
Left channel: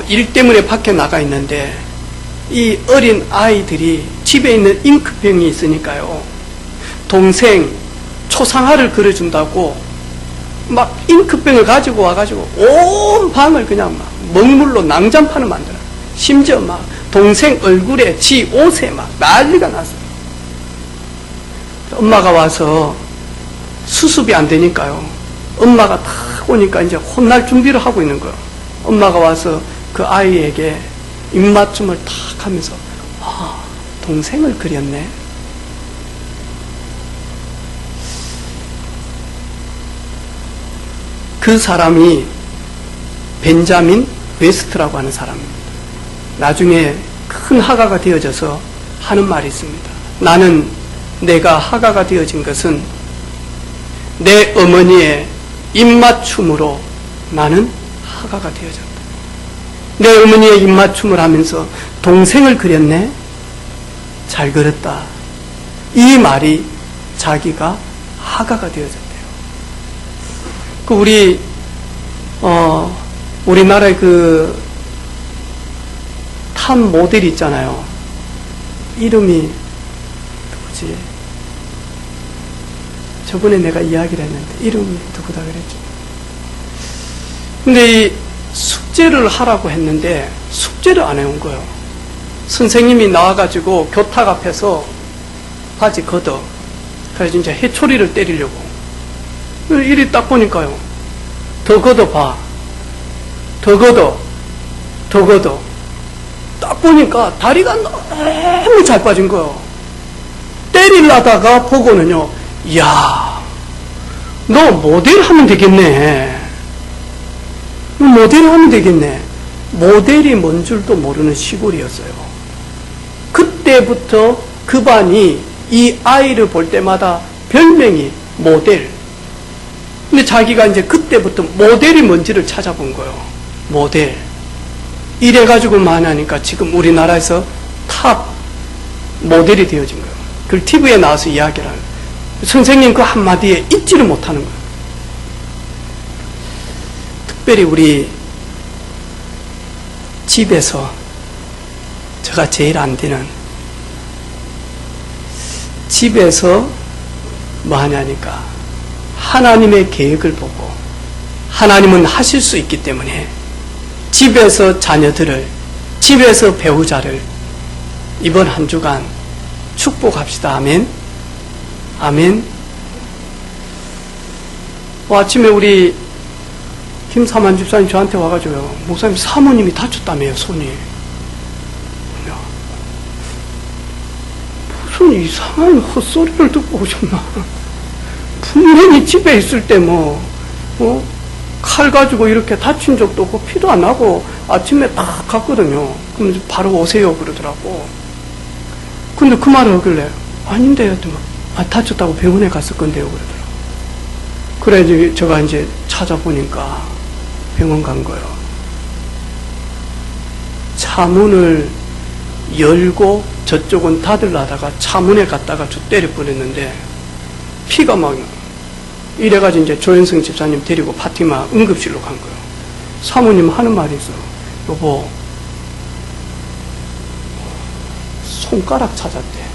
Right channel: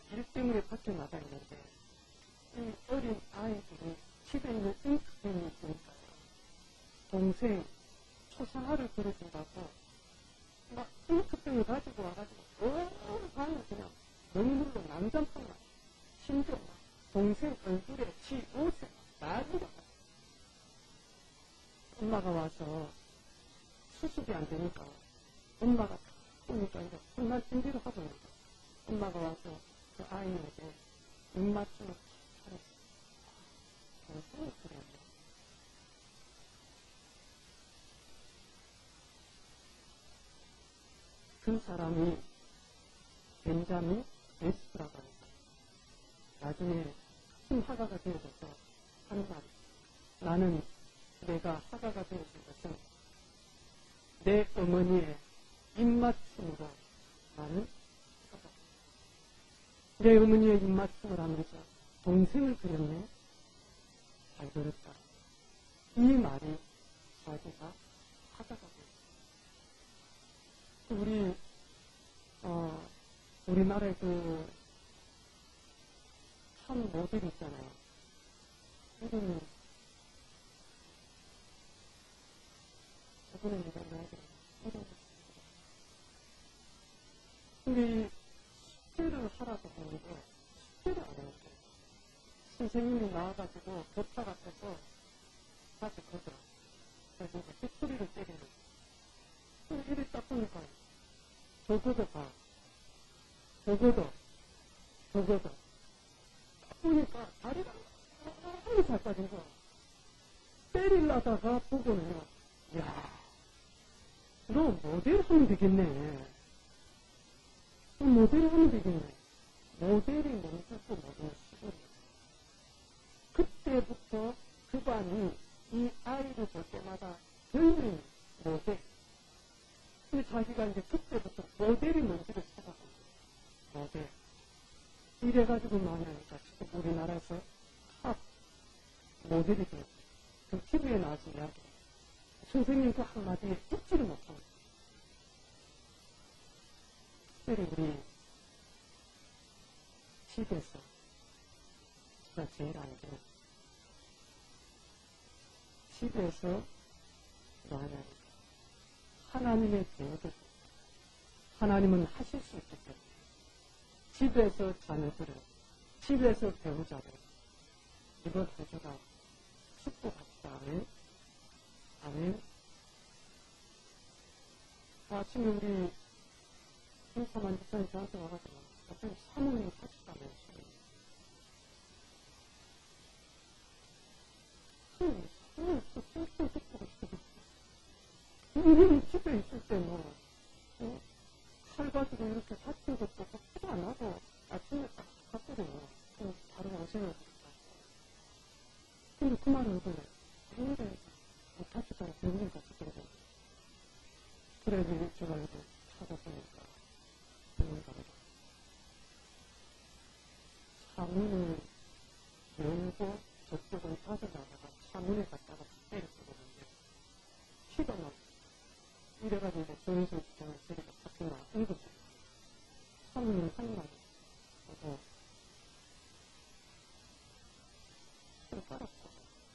일 때문에 밖에 나가 있는데 이 어린 아이들이 집에 있는 잉크병이 있으니까요. 동생 초상화를 그려준다고 막 잉크병을 가지고 와가지고 온 방을 그냥 막 먹물로 낭장판을 만들어. 심지어 막 동생 얼굴에 지 옷에 막 난리가 났어요. 엄마가 와서 수습이 안 되니까요. 엄마가 탁 오니까 이제 혼날 준비를 하고 있는 거예요. 엄마가 와서 그 아이에게 입맞춤을 탁 하면서 아, 동생을 그렸네. 그 사람이 벤자민 웨스트라고 하는 사람입니다. 나중에 큰 화가가 되어져서 하는 말이 있습니다. 나는 내가 화가가 되어진 것은 내 어머니의 입맞춤으로 나는 화가가 되어졌다. 내 어머니의 입맞춤을 하면서 동생을 그렸네? 잘 그렸다. 이 말이 자기가 화가가 되어졌대요. 우리나라의 그 탑 모델이 있잖아요. 이름이 누구지? 저번에 내가 이야기를 했는데 이름이 누구다 그랬죠. 근데 이 숙제를 하라고 했는데 숙제를 안 해온 거예요. 선생님이 나와가지고 교탁 앞에서 바지 걷어. 그래서 이제 해초리를 때리려고. 이리 딱 보니까요. 더 걷어봐. 더 걷어. 더 걷어. 딱 보니까 다리가 너무 잘 빠진 거예요. 때리려다가 보고는요. 이야, 너 모델 하면 되겠네. 모델 하면 되겠네. 모델이 뭔 줄도 모르는 시골이었어요. 그때부터 그 반이 이 아이를 볼 때마다 별명이 모델. 근데 자기가 이제 그때부터 모델이 뭔지를 찾아본 거예요. 모델. 이래가지고만 하니까 지금 우리나라에서 탑 모델이 되어진 거예요. 그걸 TV에 나와서 이야기를 하는 거예요. 선생님 그 한마디에 잊지를 못하는 거예요. 특별히 우리 집에서 제가 제일 안 되는 집에서 뭐 하냐니까 하나님의 계획을 보고 하나님은 하실 수 있기 때문에 집에서 자녀들을 집에서 배우자를 이번 한 주간 축복합시다. 아멘. 아멘. 아침에 우리 김사만 집사님 저한테 와가지고요. 목사님 사모님이 다쳤다며요. 손이. 무슨 이상한 헛소리를 듣고 오셨나. 분명히 집에 있을 때 칼 가지고 이렇게 다친 적도 없고 피도 안 나고 아침에 딱 갔거든요. 그럼 바로 오세요 그러더라고. 근데 그 말을 하길래 아닌데요. 다쳤다고 병원에 갔을 건데요 그러더라고. 그래 제가 이제 찾아보니까 병원 간 거예요. 차문을 열고 저쪽은 닫으려다가 차문에 갔다가 저 때려 버렸는데 피가 막 이래가지고 이제 조현성 집사님 데리고 파티마 응급실로 간 거예요. 사모님 하는 말이 있어. 여보, 손가락 찾았대.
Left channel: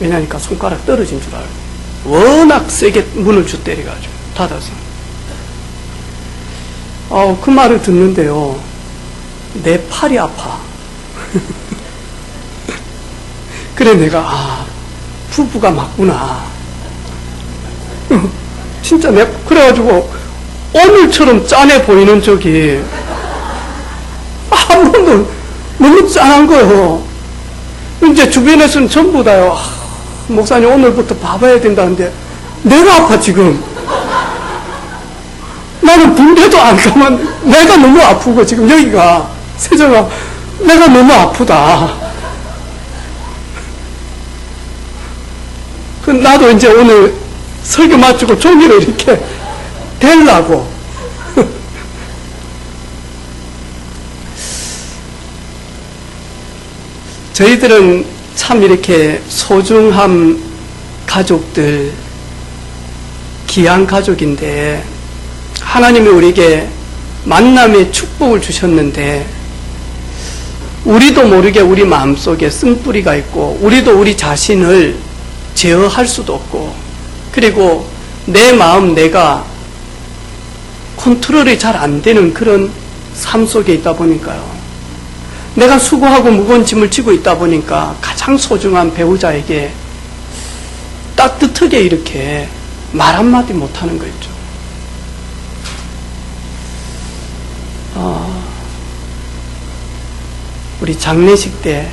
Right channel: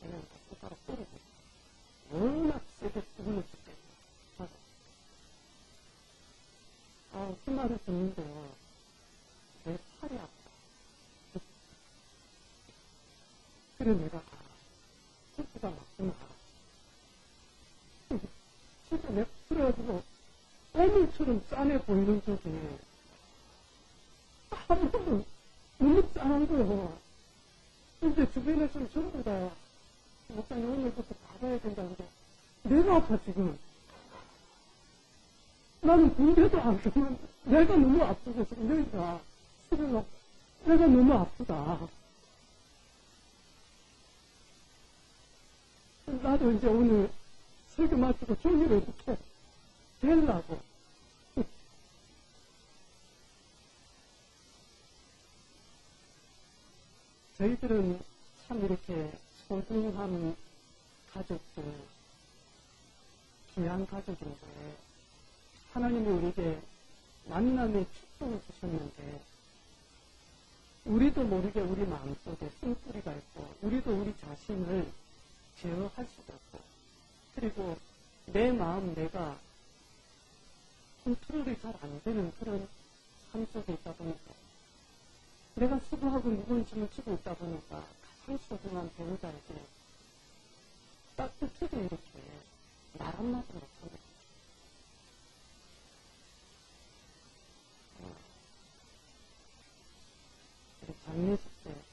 왜냐니까 손가락 떨어진 줄 알고. 워낙 세게 문을 주 때려가지고 닫아서. 그 말을 듣는데요. 내 팔이 아파. 그래 내가 부부가 맞구나. 진짜 내가 그래가지고 오늘처럼 짠해 보이는 적이 한 번도 너무 짠한 거예요. 이제 주변에서는 전부 다요. 목사님 오늘부터 봐봐야 된다는데 내가 아파 지금. 나는 붕대도 안 가면 내가 너무 아프고 지금 여기가 세정아 내가 너무 아프다. 나도 이제 오늘 설교 마치고 종이를 이렇게 대려고. 저희들은 참 이렇게 소중한 가족들, 귀한 가족인데 하나님이 우리에게 만남의 축복을 주셨는데 우리도 모르게 우리 마음속에 쓴뿌리가 있고 우리도 우리 자신을 제어할 수도 없고 그리고 내 마음 내가 컨트롤이 잘 안 되는 그런 삶 속에 있다 보니까요. 내가 수고하고 무거운 짐을 지고 있다 보니까 가장 소중한 배우자에게 따뜻하게 이렇게 말 한마디 못하는 거 있죠. 우리 장례식 때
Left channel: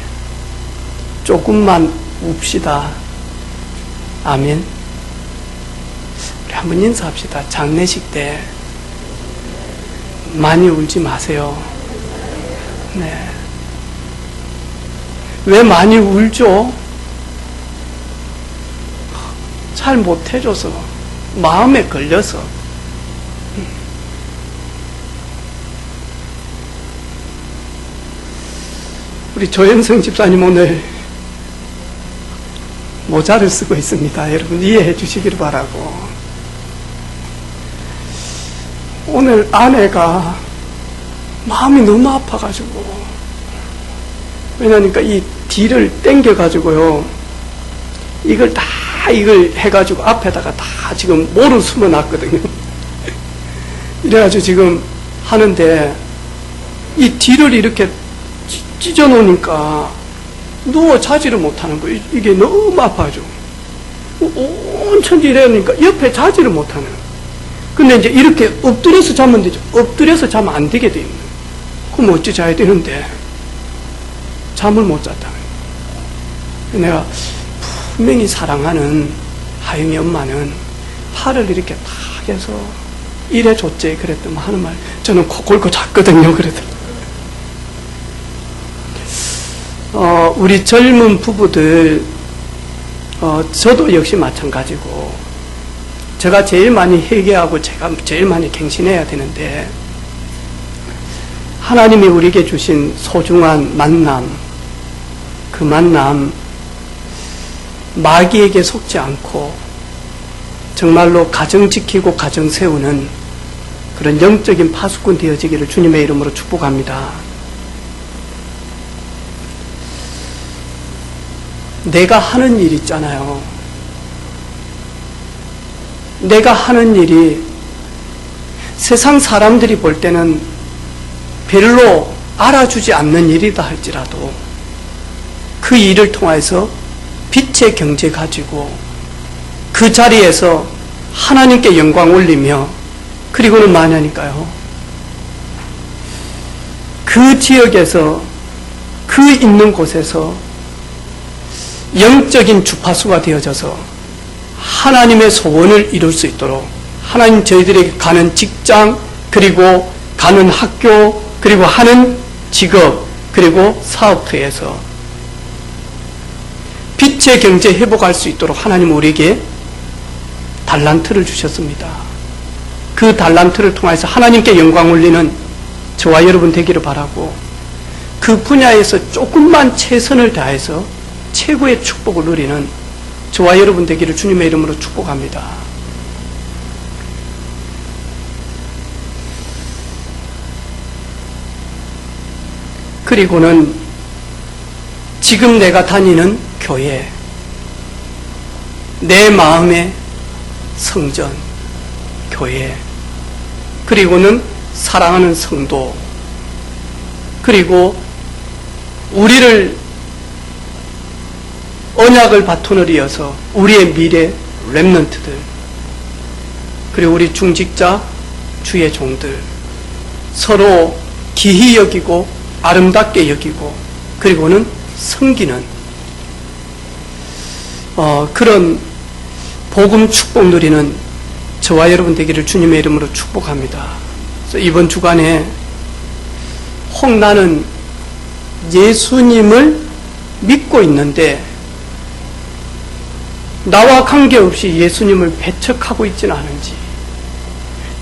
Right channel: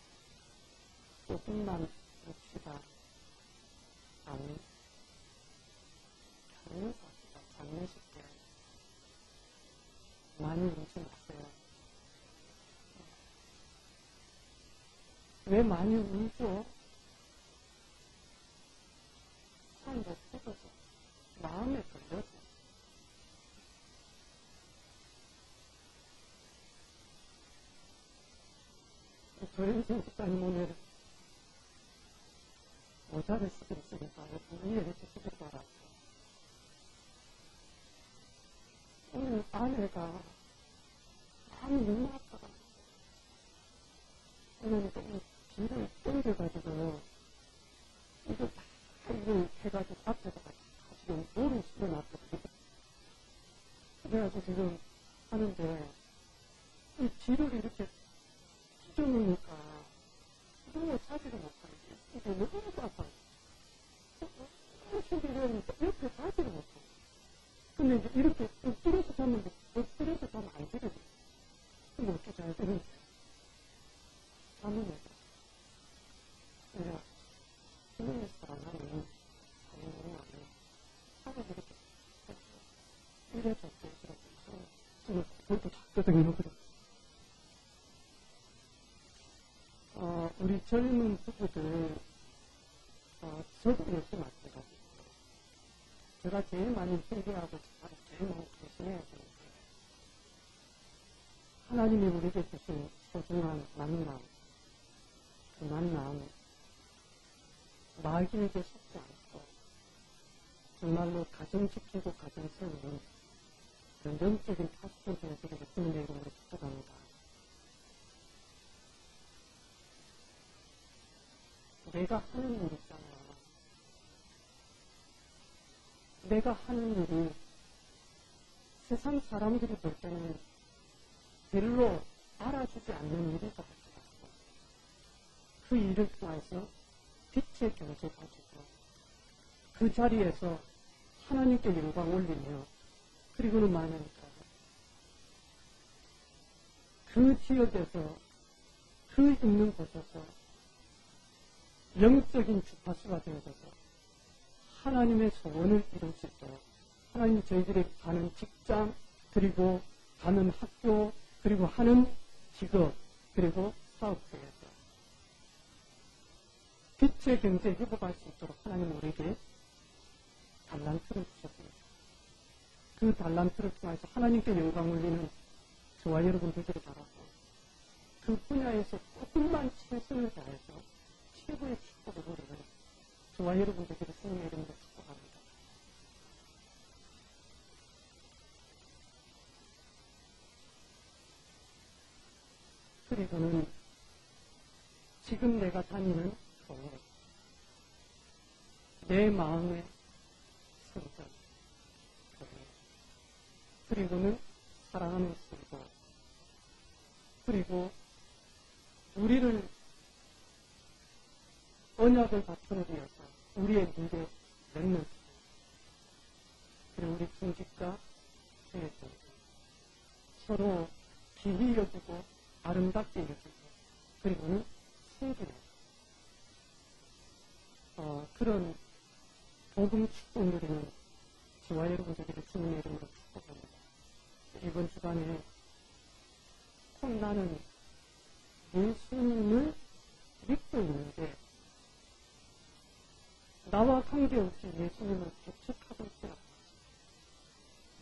조금만 웁시다. 아멘. 우리 한번 인사합시다. 장례식 때 많이 울지 마세요. 네. 왜 많이 울죠? 잘 못해줘서 마음에 걸려서. 우리 조현성 집사님 오늘 모자를 쓰고 있습니다. 여러분 이해해 주시기를 바라고. 오늘 아내가 마음이 너무 아파가지고 왜냐니까 이 뒤를 당겨가지고요 이걸 해가지고 앞에다가 다 지금 모를 숨어 놨거든요. 이래가지고 지금 하는데 이 뒤를 이렇게 찢어 놓으니까 누워 자지를 못하는 거예요. 이게 너무 아파죠. 온천지 이러니까 옆에 자지를 못하는. 근데 이제 이렇게 엎드려서 자면 되죠. 엎드려서 자면 안 되게 돼 있는. 그럼 어찌 자야 되는데 잠을 못 잤다. 내가 분명히 사랑하는 하영이 엄마는 팔을 이렇게 탁 해서 이래 줬지 그랬더니 하는 말 저는 코 골고 잤거든요. 그랬더니 우리 젊은 부부들 저도 역시 마찬가지고 제가 제일 많이 회개하고 제가 제일 많이 갱신해야 되는데 하나님이 우리에게 주신 소중한 만남 그 만남 마귀에게 속지 않고 정말로 가정 지키고 가정 세우는 그런 영적인 파수꾼 되어지기를 주님의 이름으로 축복합니다. 내가 하는 일 있잖아요. 내가 하는 일이 세상 사람들이 볼 때는 별로 알아주지 않는 일이다 할지라도 그 일을 통해서 빛의 경제 가지고 그 자리에서 하나님께 영광 올리며 그리고는 뭐냐니까요. 그 지역에서 그 있는 곳에서 영적인 주파수가 되어져서 하나님의 소원을 이룰 수 있도록 하나님 저희들에게 가는 직장 그리고 가는 학교 그리고 하는 직업 그리고 사업터에서 빛의 경제 회복할 수 있도록 하나님 우리에게 달란트를 주셨습니다. 그 달란트를 통해서 하나님께 영광 올리는 저와 여러분 되기를 바라고 그 분야에서 조금만 최선을 다해서 최고의 축복을 누리는 저와 여러분 되기를 주님의 이름으로 축복합니다. 그리고는 지금 내가 다니는 교회, 내 마음의 성전, 교회, 그리고는 사랑하는 성도, 그리고 우리를 언약을 바톤을 이어서 우리의 미래 렘넌트들, 그리고 우리 중직자, 주의 종들, 서로 기히 여기고 아름답게 여기고 그리고는 섬기는 그런 복음 축복 누리는 저와 여러분 되기를 주님의 이름으로 축복합니다. 그래서 이번 주간에 혹 나는 예수님을 믿고 있는데 나와 관계없이 예수님을 배척하고 있지는 않은지,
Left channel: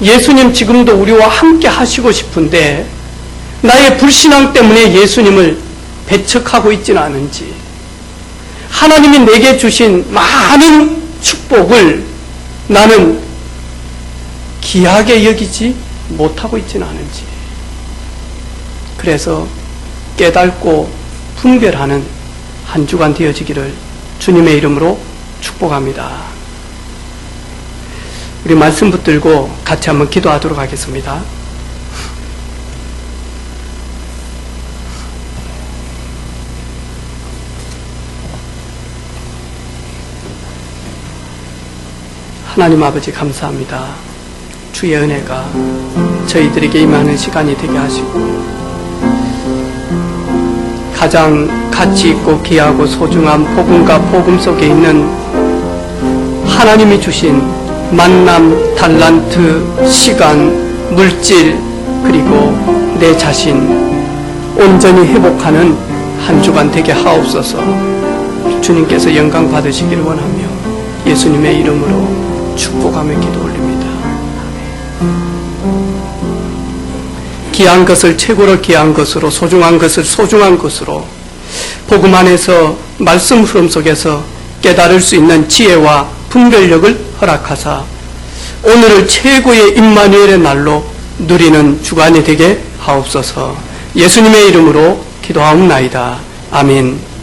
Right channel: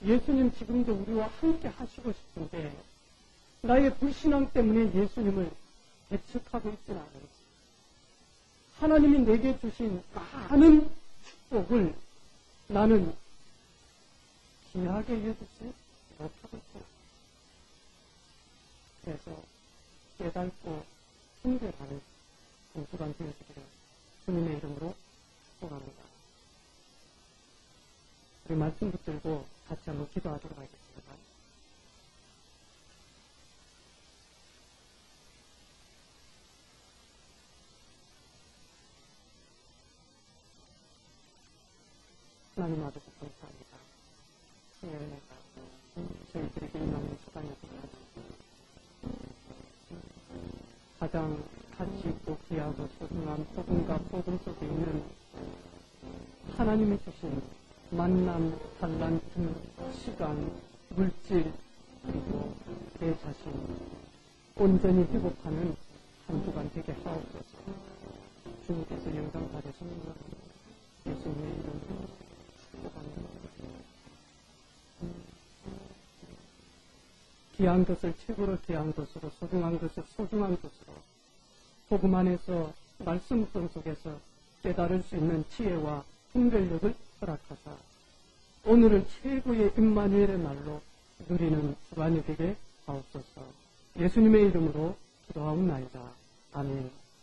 예수님 지금도 우리와 함께 하시고 싶은데 나의 불신앙 때문에 예수님을 배척하고 있지는 않은지, 하나님이 내게 주신 많은 축복을 나는 귀하게 여기지 못하고 있지는 않은지, 그래서 깨닫고 분별하는 한 주간 되어지기를 주님의 이름으로 축복합니다. 우리 말씀 붙들고 같이 한번 기도하도록 하겠습니다. 하나님 아버지 감사합니다. 주의 은혜가 저희들에게 임하는 시간이 되게 하시고, 가장 가치 있고 귀하고 소중한 복음과 복음 속에 있는 하나님이 주신 만남, 달란트, 시간, 물질, 그리고 내 자신 온전히 회복하는 한 주간 되게 하옵소서. 주님께서 영광 받으시기를 원하며 예수님의 이름으로 축복하며 기도 올립니다. 귀한 것을 최고로 귀한 것으로, 소중한 것을 소중한 것으로, 복음 안에서 말씀 흐름 속에서 깨달을 수 있는 지혜와 분별력을 허락하사 오늘을 최고의 임마누엘의 날로 누리는 주간이 되게 하옵소서. 예수님의 이름으로 기도하옵나이다. 아멘.